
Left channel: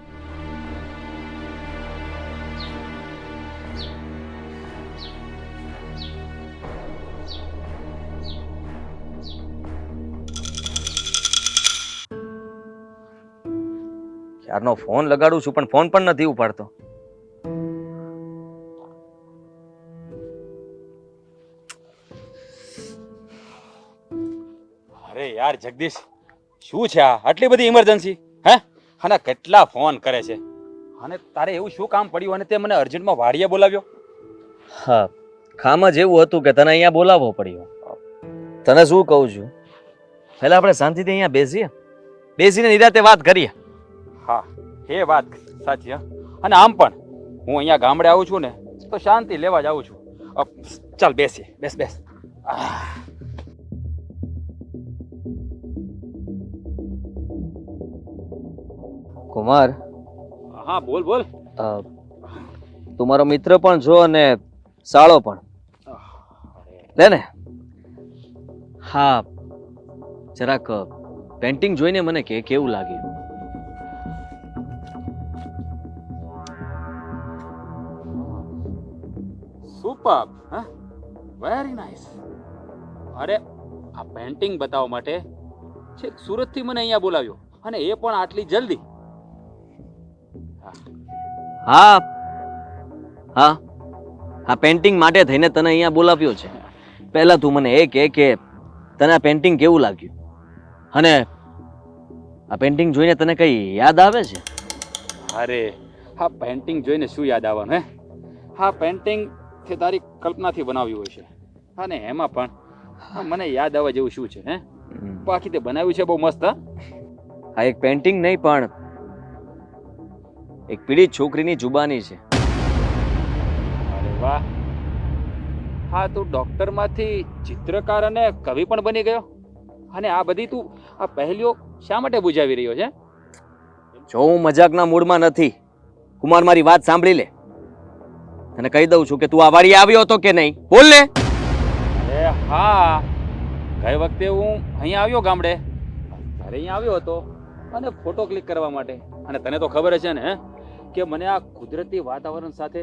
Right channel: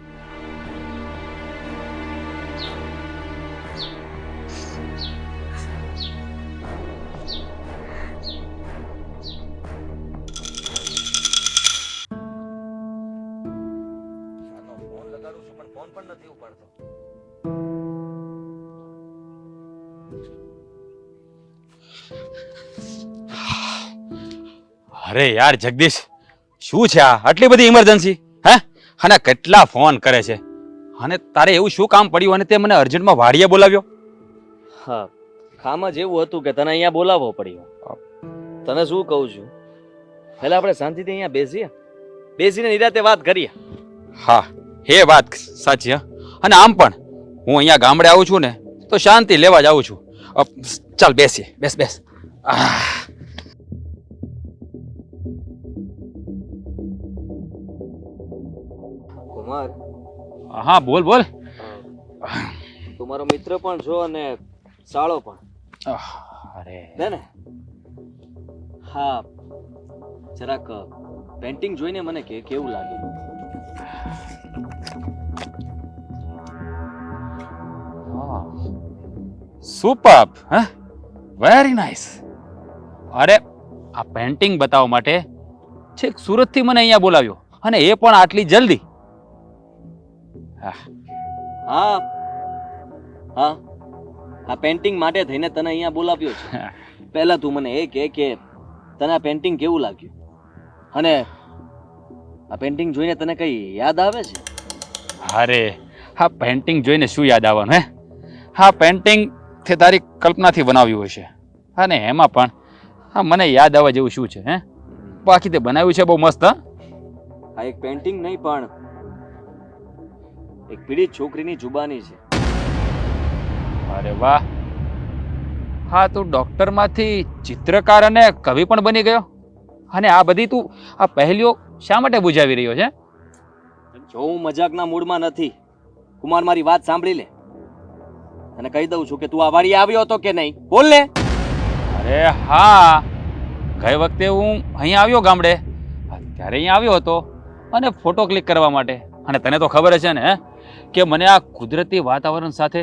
યારનો ફોન લગાડું છું પણ ફોન પણ નથી ઉપાડતો. અરે યાર જગદીશ, શું છે આ? આટલી બધી ઇમરજન્સી હે? અને કેટલા ફોન કરે છે? અને તારે એવું શું કામ પડ્યું અને તે મને અર્જન્ટમાં વાડીએ બોલાવ્યો? હા, કામ જ એવું હતું કે તને અહીંયા બોલાવવો પડ્યો. તને શું કહું છું, પહેલા આપણે શાંતિથી અહીંયા બેસીને નિરાતે વાત કરીએ. હા, એ વાત સાચી. હા, અને આમ પણ હું અહીંયા ગામડે આવું છું ને તો શાંતિ લેવા જ આવું છું. ચાલ બેસીએ. બેસ. કુમાર, હા બોલ. તું મારો મિત્ર પણ છો અને સાળો પણ. અરે લે ને. હા, જરાક પેન્ટિંગ જોઈને મને કે કેવું લાગે. સુપર. હા, વેરી નાઇસ. અરે આ પેન્ટિંગ બતાવવા માટે છેક સુરતથી મને અહીંયા બોલાવ્યો અને એ પણ આટલી જલ્દી. હા, આ પેન્ટિંગ માટે થઈને તને અહીંયા બોલાવ્યો છે. પહેલા તું મને એ કે તને આ પેન્ટિંગ કેવું લાગ્યું અને આ પેન્ટિંગ જોઈને તને કઈ યાદ આવે છે? અરે આ પેન્ટિંગ જોઈને શું યાદ આવવાનું હે? હા, પેન્ટિંગ તે તારી કલ્પનાથી બનાવ્યું હશે અને એમાં પણ મને યાદ આવવા જેવું શું છે? હે, બાકી તે બનાવ્યું છે બહુ મસ્ત. આ એક પેન્ટિંગ નહીં પણ એક પીડિત છોકરીની જુબાની છે. અરે વાહ! હા, તું ડોક્ટરમાંથી ચિત્રકાર અને કવિ પણ બની ગયો અને આ બધી તું આ પહેલીઓ શા માટે બુજાવી રહ્યો છે? જો હું મજાકના મૂડમાં નથી. કુમાર, મારી વાત સાંભળી લે અને કહી દઉં છું કે તું આ વાડીએ આવ્યો હતો કે નહીં? બોલ ને. અરે હા, ગઈ વખતે હું અહીંયા આવ્યો ગામડે, ત્યારે અહીંયા આવ્યો હતો અને ફોટો ક્લિક કરવા માટે. અને તને તો ખબર છે ને કે મને આ કુદરતી વાતાવરણ સાથે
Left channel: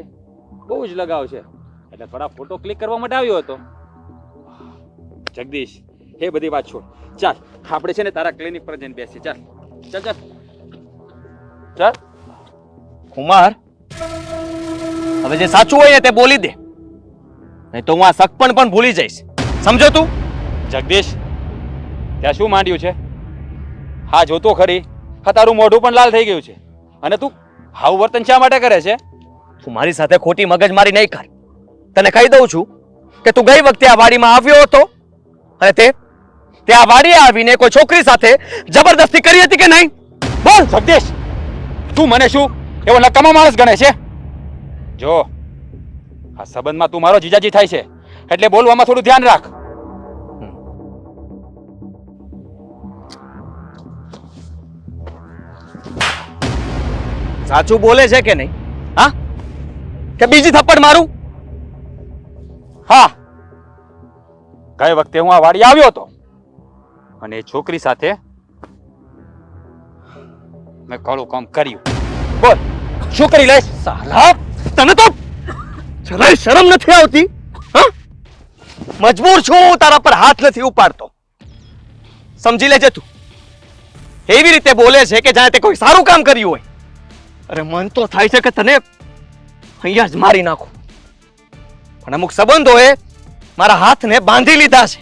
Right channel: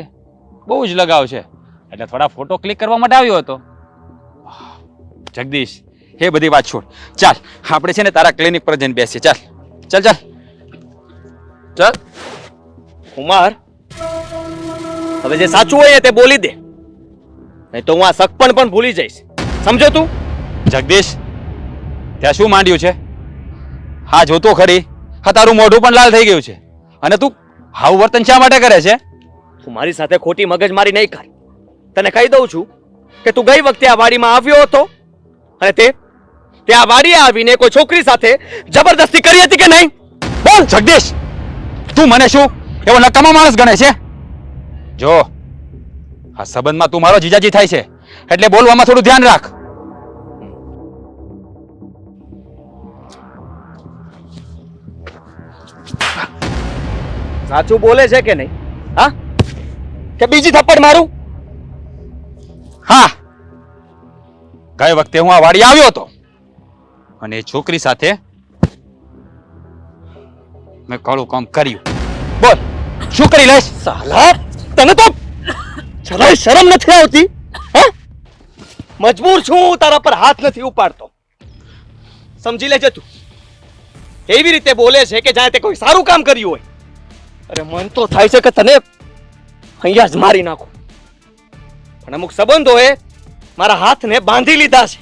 બહુ જ લગાવ છે, એટલે થોડા ફોટો ક્લિક કરવા માટે આવ્યો હતો. જગદીશ, એ બધી વાત છોડ. ચાલ આપણે છે ને તારા ક્લિનિક પર જઈને બેસીએ. ચાલ. કુમાર, હવે જે સાચું હોય તે બોલી દે, નહીં તો હું આ સગપણ પણ ભૂલી જઈશ. સમજો તું? જગદીશ, ત્યાં શું માંડ્યું છે? હા, જોતો ખરી. હા, તારું મોઢું પણ લાલ થઈ ગયું છે અને તું આવું વર્તન શા માટે કરે છે? તું મારી સાથે ખોટી મગજમારી નહીં કર. તને કહી દઉં છું કે તું ગઈ વખતે આ વાડીમાં આવ્યો હતો અને તે આ વાડીએ આવીને કોઈ છોકરી સાથે જબરદસ્તી કરી હતી કે નહીં? બોલ જગદીશ, તું મને શું એવો નકામો માણસ ગણે છે? જો આ સંબંધમાં તું મારો જીજાજી થાય છે એટલે બોલવામાં થોડું ધ્યાન રાખ. સાચું બોલે છે કે નહીં? હા, કે બીજી થપ્પડ મારું? હા, ગઈ વખતે હું આ વાડી આવ્યો હતો અને એ છોકરી સાથે મેં કળું કામ કર્યું. બોલ, શું કરી લેશ? સાલા, તને તો જરાય શરમ નથી આવતી? હા, મજબૂર છું હું તારા પર હાથ નથી ઉપાડતો. સમજી લેજે તું. એવી રીતે બોલે છે કે જાણે તે કોઈ સારું કામ કર્યું હોય. અરે મન તો થાય છે કે તને અહીંયા જ મારી નાખું. પણ અમુક સંબંધોએ મારા હાથને બાંધી લીધા છે.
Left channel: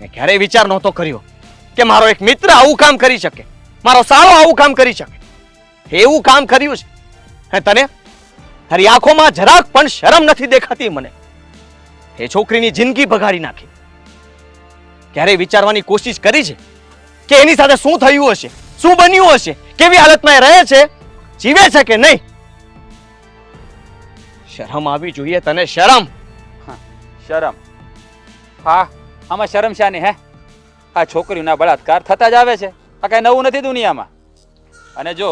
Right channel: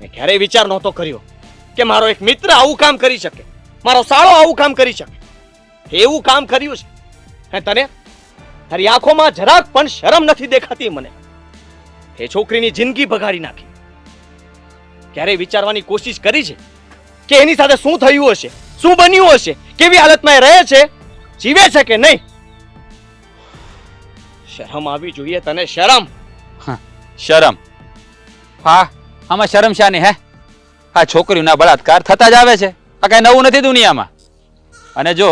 મેં ક્યારેય વિચાર નહોતો કર્યો કે મારો એક મિત્ર આવું કામ કરી શકે, મારો સાળો આવું કામ કરી શકે. એવું કામ કર્યું છે. તને તારી આંખોમાં જરાક પણ શરમ નથી દેખાતી મને. એ છોકરીની જિંદગી બગાડી નાખી. ક્યારેય વિચારવાની કોશિશ કરી છે કે એની સાથે શું થયું હશે, શું બન્યું હશે, કેવી હાલતમાં એ રહે છે, જીવે છે કે નહીં? શરમ આવી જોઈએ તને, શરમ. શરમ? હા, આમાં શરમ શાની હે? આ છોકરીઓના બળાત્કાર થતા જ આવે છે. આ કઈ નવું નથી દુનિયામાં. અને જો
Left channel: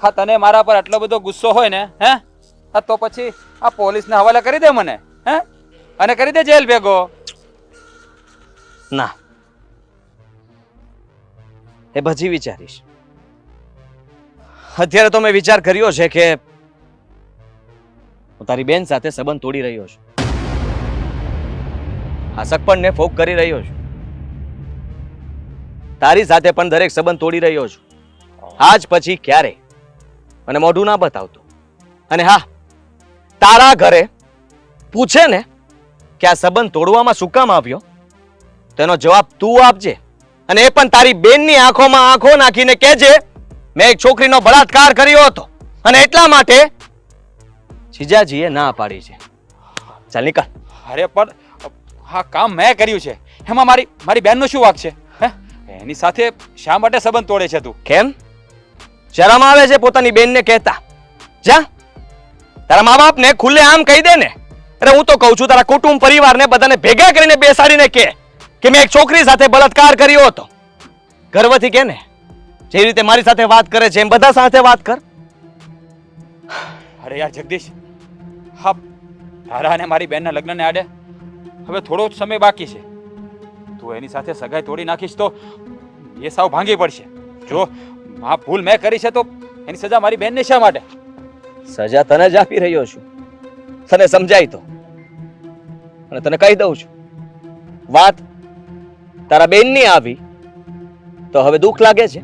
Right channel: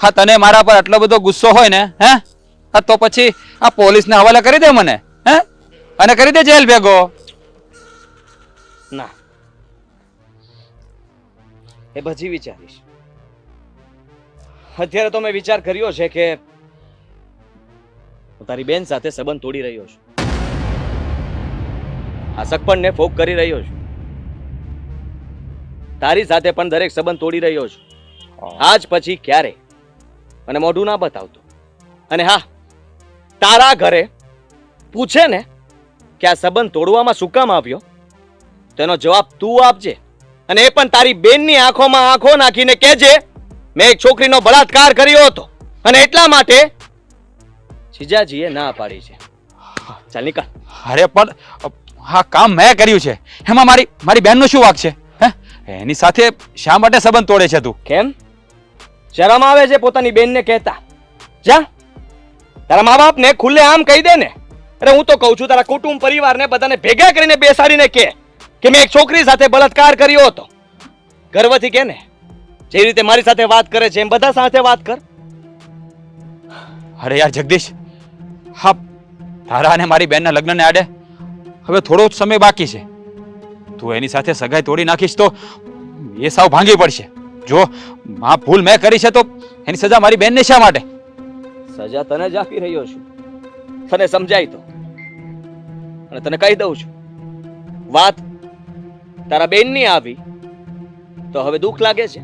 હા તને મારા પર આટલો બધો ગુસ્સો હોય ને હા તો પછી આ પોલીસને હવાલે કરી દે મને, હે, અને કરી દે જેલ ભેગો. ના, એ પછી વિચારીશ. અત્યારે તો મેં વિચાર કર્યો છે કે હું તારી બેન સાથે સંબંધ તોડી રહ્યો છું. આ સગપણને ફોક કરી રહ્યો છું. તારી સાથે પણ દરેક સંબંધ તોડી રહ્યો છું. આજ પછી ક્યારે મને મોઢું ના બતાવતું. અને હા, તારા ઘરે પૂછે ને કે આ સંબંધ તોડવામાં શું કામ આવ્યો, તેનો જવાબ તું આપજે. અને એ પણ તારી બેનની આંખોમાં આંખો નાખીને કહેજે મેં એક છોકરીનો બળાત્કાર કર્યો હતો અને એટલા માટે જીજાજીએ ના પાડી છે. ચાલ નીકળ. અરે પણ હા કામ મેં કર્યું છે, એમાં મારી બેનનો શું વાંક છે? હે, એની સાથે શા માટે સંબંધ તોડે છે તું? કેમ શરમ આવે છે પોતાની બેનને કહેતા? જા તારા મા બાપને ખુલ્લે આમ કહી દે ને. અરે હું તો કહું છું તારા કુટુંબ પરિવારને બધાને ભેગા કરીને બેસાડીને કે મેં એક છોકરી સાથે બળાત્કાર કર્યો હતો. ગર્વથી કે ને, જે રીતે મારી સાથે વાત કરે છે એમ બધા સાથે વાત કર. અરે યાર જગદીશ, હા તારા અને મારી બેનના લગ્નને આડે હવે થોડો જ સમય બાકી છે. તું એની સાથે સગાઈ તોડી નાખીશ તો એ સાવ ભાંગી પડશે. જો આ ભૂલ મેં કરી છે તો એની સજા મારી બેનને શા માટે? સજા તને જ આપી રહ્યો છું, તને સમજાય તો. અને તને કહી દઉં છું, વાત તારા બેનની આવી તો હવે દુઃખ લાગે છે.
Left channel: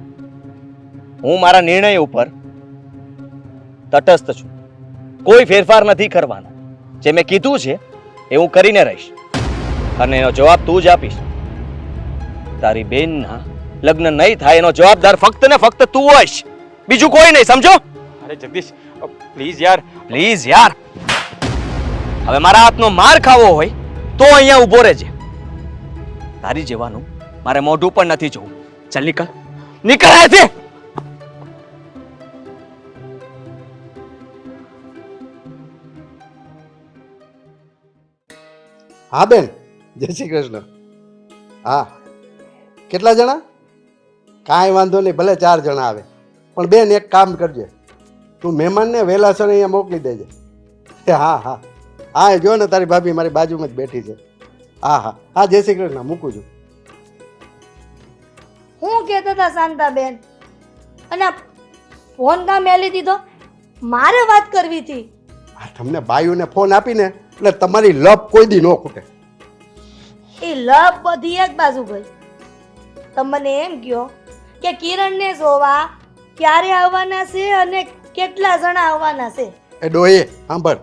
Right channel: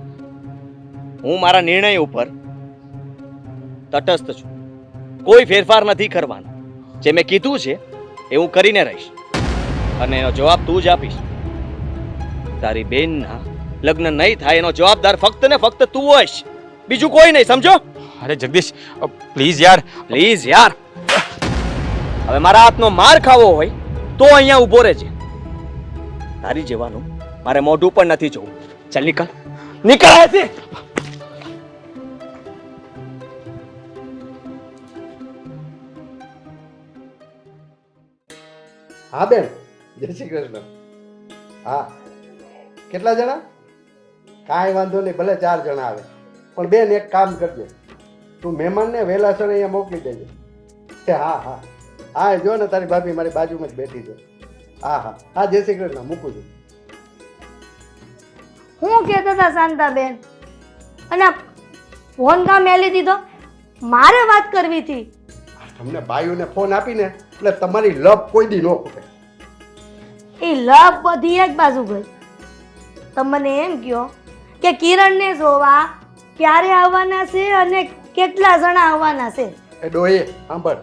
હું મારા નિર્ણય ઉપર તટસ્થ છું. કોઈ ફેરફાર નથી કરવાનો. જે મેં કીધું છે એ હું કરીને રહીશ અને એનો જવાબ તું જ આપીશ. તારી બેનના લગ્ન નહીં થાય એનો જવાબદાર ફક્ત ને ફક્ત તું હોઈશ, બીજું કોઈ નહીં, સમજો? અરે જગદીશ પ્લીઝ યાર, પ્લીઝ યાર. હવે મારા હાથનો માર ખાવો હોય તો અહીંયા ઊભો રહેજે. તારી જેવાનું મારે મોઢું પણ નથી જોવું. ચાલ નીકળ, નીકળ અહીંયાથી. હા બેન, જય શ્રી કૃષ્ણ. હા, કેટલા જણા? કાંઈ વાંધો નહીં, ભલે 4 જણા આવે. પણ બેન એક કામ કરજે, તું મહેમાનને વહેલાસર અહીંયા મોકલી દેજે. હા હા હા, જો ને તારી ભાભી મારી બાજુમાં જ બેઠી છે. હા હા હા, જય શ્રી કૃષ્ણ, મૂકું છું. હું કહેતા હતા શાંતાબેન, અને આ ફોન કામ મેલી દીધો? મારે વાત કરવી હતી. આ તમને બાયુને ફોન આપીને એટલે તમારી લપ કોઈ દી ન ખૂટે. એ લપ બધી એક બાજુ ગઈ. તમને એમ કહો કે કિરણને જોવા ક્યારે આવવાના છે અને કેટલા જણા આવવાના છે? એ ડોહી સાંભળ,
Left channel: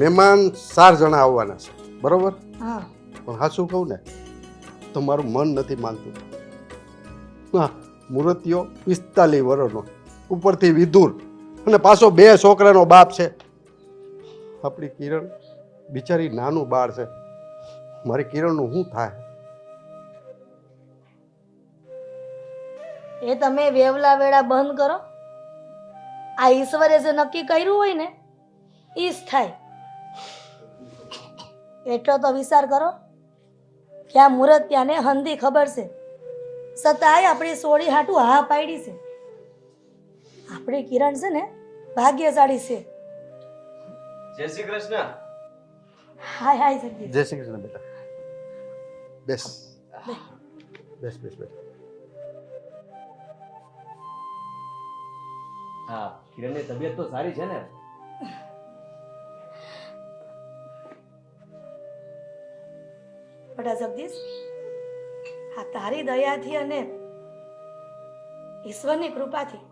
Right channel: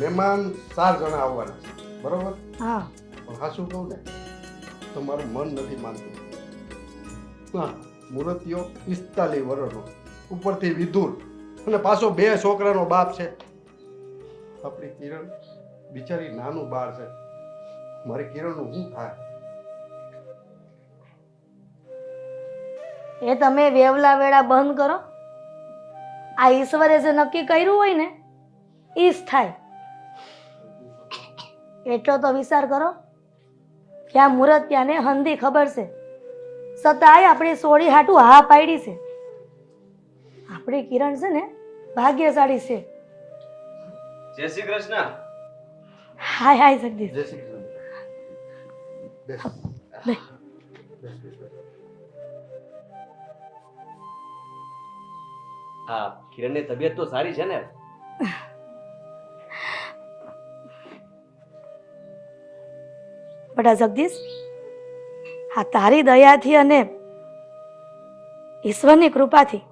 મહેમાન 4 જણા આવવાના છે, બરોબર? હા. પણ હા શું કહું ને, તો મારું મન નથી માનતું. હા, મૂર્તિઓ 45 વર્ષનો, ઉપરથી વિધુર, અને પાછો 2 છોકરાનો બાપ છે. આપણી કિરણ બિચારી નાનું બાળ છે. મારી કિરણનું શું થાય? એ તમે વેવલા વેળા બંધ કરો. આ ઈશ્વરે જે નક્કી કર્યું હોય ને એ જ થાય. એટલો તો વિચાર કરો કે આ મુહૂર્ત ત્યાંને હંધી ખબર છે, છતાંય આપણે સોળી હાટું હા પાડી છે. આપણી કિરણ છે ને ભાગ્યશાળી છે. જય શ્રી કૃષ્ણ. હાય હાય જગદીશ. જય શ્રી કૃષ્ણ બેટા. બેસ લે. બેસ બેસ બેસ. હા, કિરણની તબિયત તો સારી છે ને? બટા જગદીશ, આ તારી દયાથી અને ઈશ્વરની કૃપાથી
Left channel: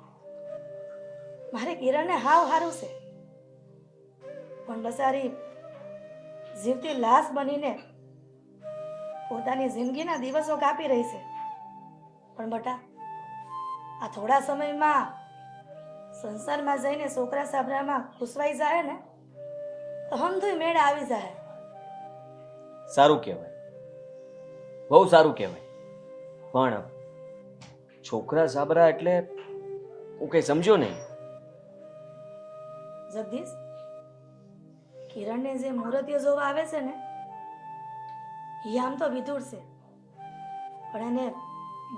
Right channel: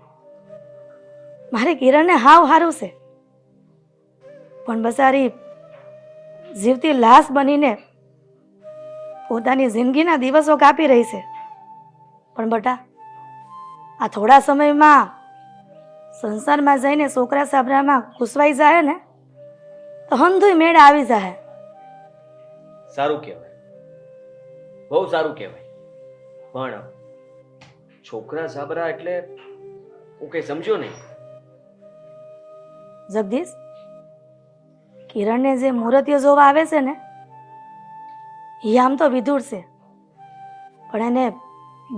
મારી કિરણને હાવ હારું છે. પણ બસારી જીવતી લાશ બનીને પોતાની જિંદગીના દિવસો કાપી રહી છે. પણ બટા, આ થોડા સમયમાં સંસારમાં જઈને છોકરા સાબરામાં ઘૂસવાઈ જાય ને તો હંધુય મેળ આવી જાય. સારું કહેવાય, બહુ સારું કહેવાય. પણ છોકરા સાબરા એટલે હું કઈ સમજ્યો નહીં. જગદીશ, કિરણને જે મુહૂર્તિઓ જોવા આવે છે ને એ આમ તો વિધુર છે, પણ એને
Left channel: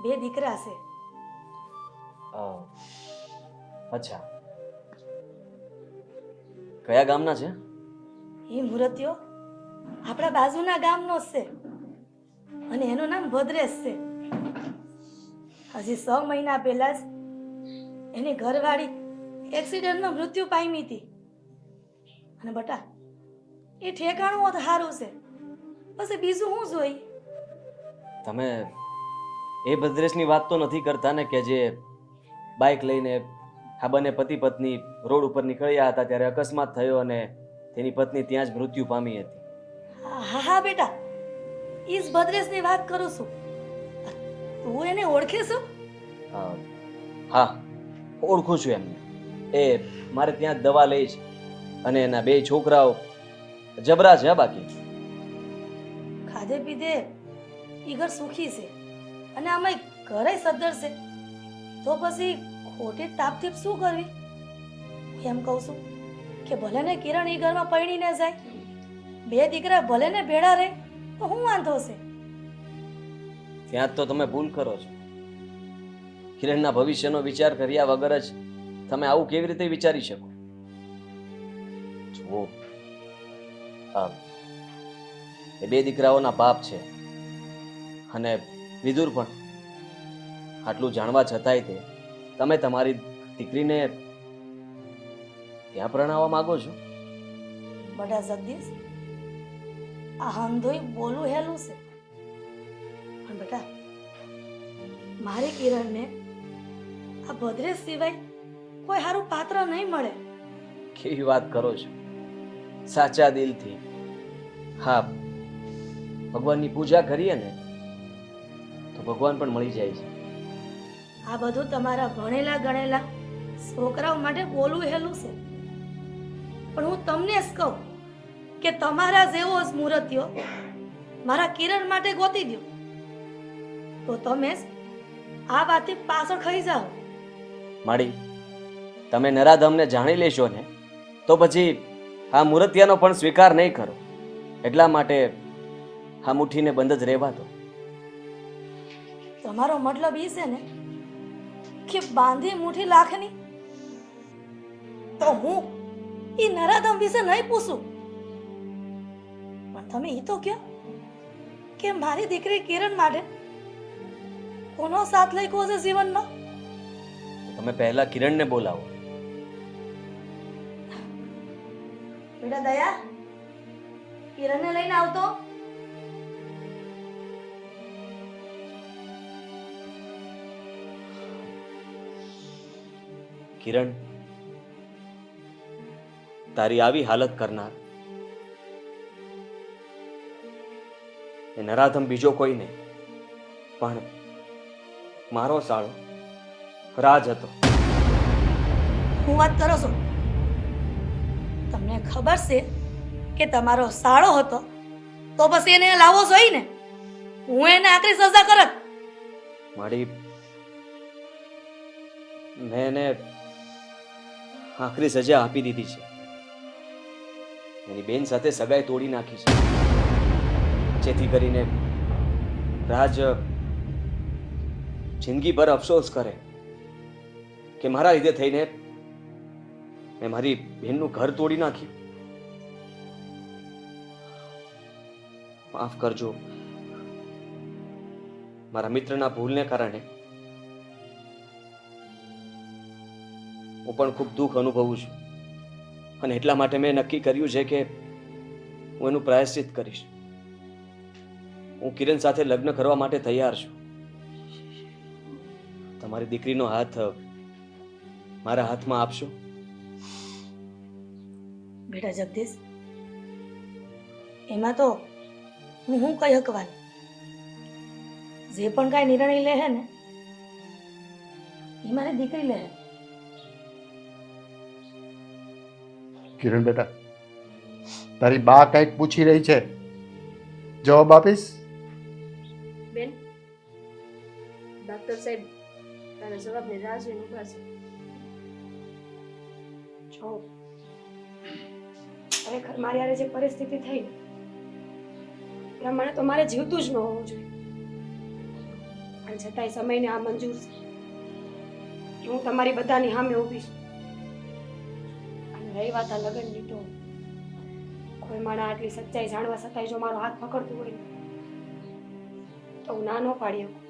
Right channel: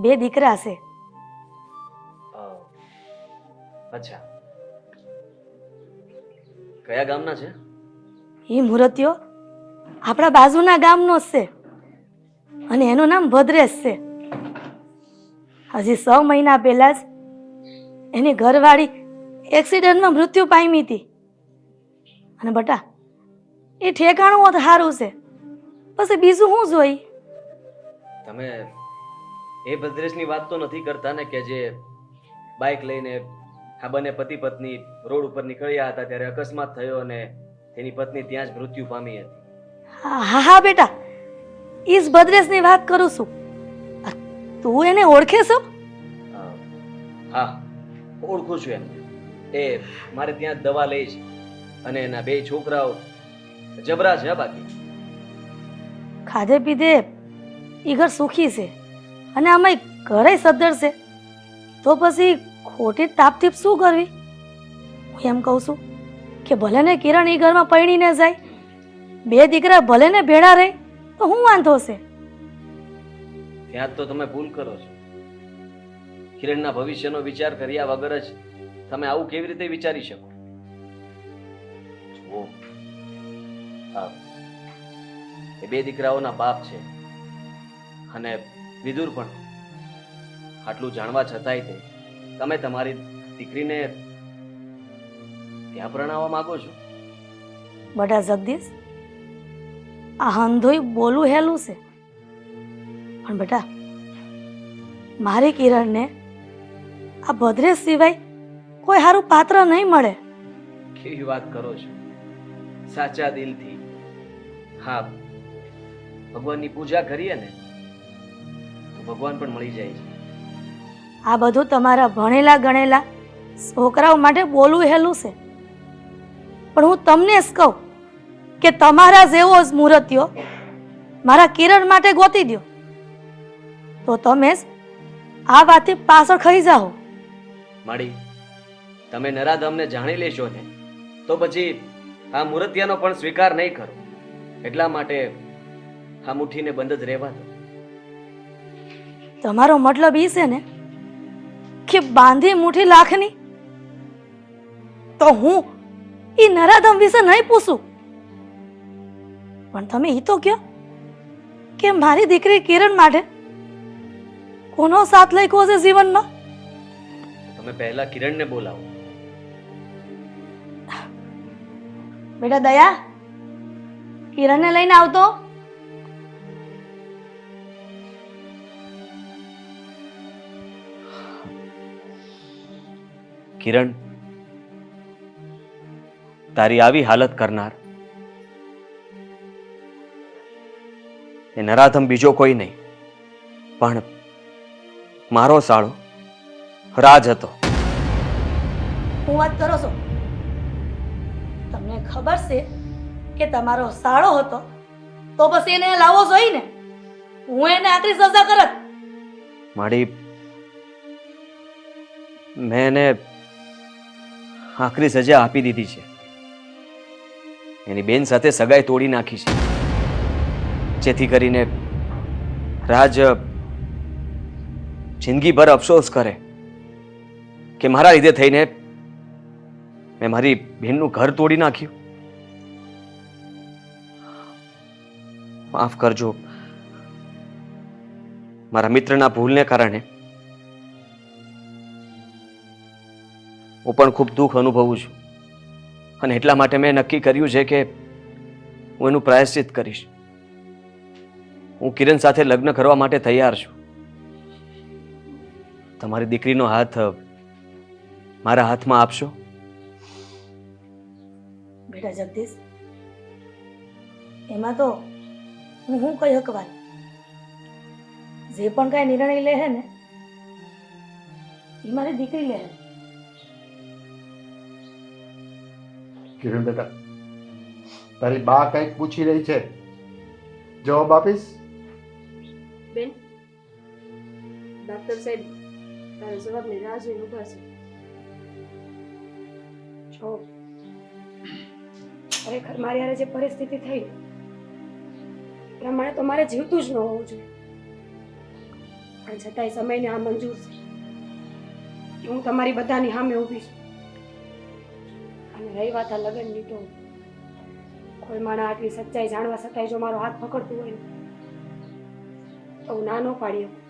2 દીકરા છે. અચ્છા, કયા ગામના છે? એ મુહૂર્તિઓ આપણા બાજુના ગામનો જ છે અને એનું નામ ભદ્રેશ છે. હજી 6 મહિના પહેલા જ એની ઘરવાળી એક્સિડન્ટમાં મૃત્યુ પામી હતી. અને બટા, એ ઠેકાણું હોત સારું છે, પછી બીજું શું જોઈ? તમે એ ભદ્રેશની વાત તો નથી કરતા ને કે જે બાઇક લઈને આ બંને પતિ પત્ની રોડ ઉપર નીકળ્યા હતા ત્યારે અકસ્માત થયો અને તેની પત્ની ત્યાં જ મૃત્યુ પામી હતી? હા હા બેટા, ઈ જ ભદ્રેશની વાત કરું છું. તું એને ઓળખે છો? હા, ઓળખું છું એમને. એ મારે ત્યાં દવા લે છે અને એના 2 છોકરાઓ જબરા છે. બાકી ખાધે પીધે ઈ ઘર સુખી છે અને અમે ઘરે સદ્ધર છે, તો પછી ખોટી તાપતીપ શું કરવી? હું એમ કહું છું કે ભલે ને કિરણ ઈ ઘરમાં પરણીને જાય, 2 દીકરા ભલે ને ભેળા રહે, તો શું વાંધો છે? ત્યાં તો તમે ભૂલ કરો છો. કિરણના ભવિષ્યનો વિચાર કર્યા વગર જ તમે આવું કેવી રીતે વિચારી શકો? જુઓ, એ 2 દીકરાઓના બાપ છે અને વિદુર પણ. આટલું જાણવા છતાંય તમે તમારી દીકરીને ત્યાં પરણાવવા માંગો છો? બટા જગદીશ, આ હંધોય બોલું હેલું છે, પણ બેટા મારી કિરણને આ ભદ્રેશ સિવાય કોઈ સારું પાત્ર નહીં મળે. કેવી વાત કરો છો? સાચા દિલથી હા, ભગવાનની પૂજા કરીએ ને તો ભગવાન પણ મળી જાય છે. આ બધું તમારા ભણેલા ગણેલા છોકરાઓ માટે બોલવું હેલું છે, પણ હું તમને જ કહું કે તમારા જેવો જ મૂર્તિઓ મારા કિરણ માટે ગોતી દો, તો તમે જ આ વાતથી પાછળ ખરી જાઓ. માડી, તમે નરાધમને જાણી લેશો ને તો પછી આ મૂર્તિયાનો પણ સ્વીકાર નહીં કરો. એટલા માટે આ મુઠ્ઠીને બંધ જ રહેવા દો. તમારો મતલબ એ છે ને કે બાંધી મુઠ્ઠી લાખની? તો હું એ નરાધમ વિશે નહીં પૂછું, પણ તમે એ તો કહો કે મારી દીકરી કિરણ માટે કોનો સાથ લખ્યો છે જીવનનો? તમે પહેલા કિરણને બોલાવો. બેટા દયા, કિરણને લઈને આવતો. કિરણ, તારી આવી હાલત કરનાર એ નરાધમ બીજો કોઈ નહીં પણ મારો સાળો રાજ હતો. હું વાત કરો છો? તમને ખબર છે કે તમારો સાળો હતો તો પછી એને લાવવો જોઈએ ને. હું એને આખરી સજા કરત. મારી મેં એને આખરી સજા આપી દીધી છે. એની બેન સાથે સગાઈ તોડી નાખી છે, જેથી કરીને રાજ જિંદગીભર અફસોસ કરે કે મારા લીધે થઈને મેં મારી બહેનનું ઘર તોડી નાખ્યું. માફ કરજો, મારા મિત્રના ભૂલને કારણે હું પણ ખૂબ દુઃખ અનુભવું છું અને એટલા માટે મેં નક્કી કર્યું છે કે હું એનું પ્રાયશ્ચિત કરીશ. હું કિરણ સાથે લગ્ન કરવા માટે તૈયાર છું. તમારી દીકરીનો હાથ મારા હાથમાં આપશો? બેટા જગદીશ, એમાં તો હું કઈ હકવાર. જે પણ કાંઈ નિર્ણય લે હે ને એ મારી દીકરી લે. કિરણ બેટા, તારી બા કંઈક પૂછી રહી છે, જવાબ આપીશ? બેન, ડોક્ટર સાહેબ મારા જવાબની રાહ જોઈને ઊભા છે. જો ખરેખર મારી હારે જે પરિસ્થિતિ થઈ ને, પ્રમાણે તો મારે જીવતું જ ન હોવું જોઈએ. પણ છતાંય સમયને આ મંજૂર છે કે હું તમારી બધાની સામે ઊભી છું. અને રહી વાત આ લગ્નની, તો કોઈ માણસ આટલી સચ્ચાઈ જાણવા છતાંય જો મારો હાથ પકડતું હોય તો હું ના ન પાડી શકું.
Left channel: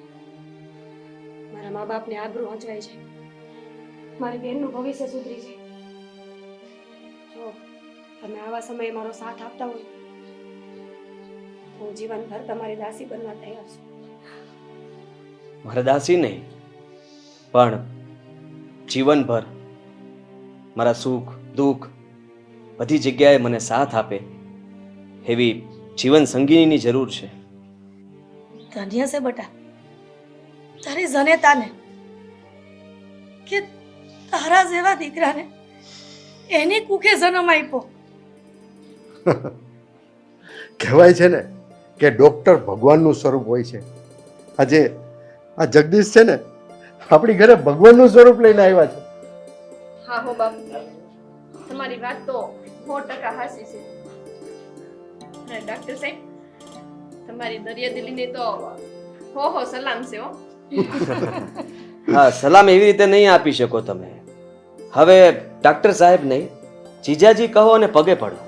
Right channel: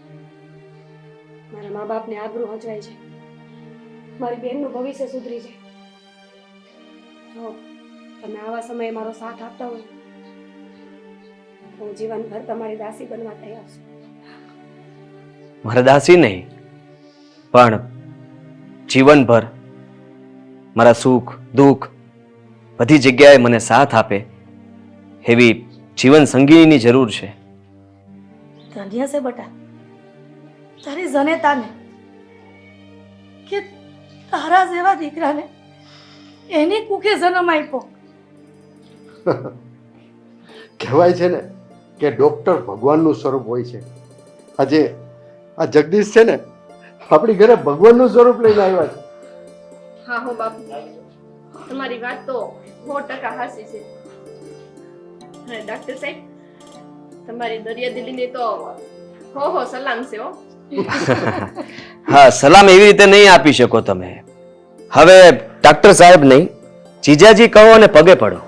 મારા મા બાપને આબરૂ હચવાય છે, મારી બેનનું ભવિષ્ય સુધરી છે. જો તમે આવા સમયે મારો સાથ આપતા હોય તો હું જીવનભર તમારી દાસી બનવા તૈયાર છું. મારા દાસી નહીં, પણ જીવનભર મારા સુખ દુઃખ બધી જગ્યાએ મને સાથ આપે એવી જીવન સંગીની જરૂર છે. ધન્ય છે બટા તારી જનેતાને કે તારા જેવા દીકરાને એની કુખે જન્મ આપ્યો. કહેવાય છે ને કે ડૉક્ટર ભગવાનનું સ્વરૂપ હોય છે. આજે આ જગદીશ છે ને આપણી ઘરે ભગવાનનું સ્વરૂપ લઈને આવ્યા છે. હા હો બાપુ, તમારી વાત તો 100% હાચી છે. અને ડોક્ટર સાહેબ, તમારી દરિયાદિલીને તો હો સલામ છે હો. હા, સલામ એવી રીતે નહીં આપી શકો તમે. હવે ડોક્ટર સાહેબ નહીં, જીજાજી કહો અને પગે પડો.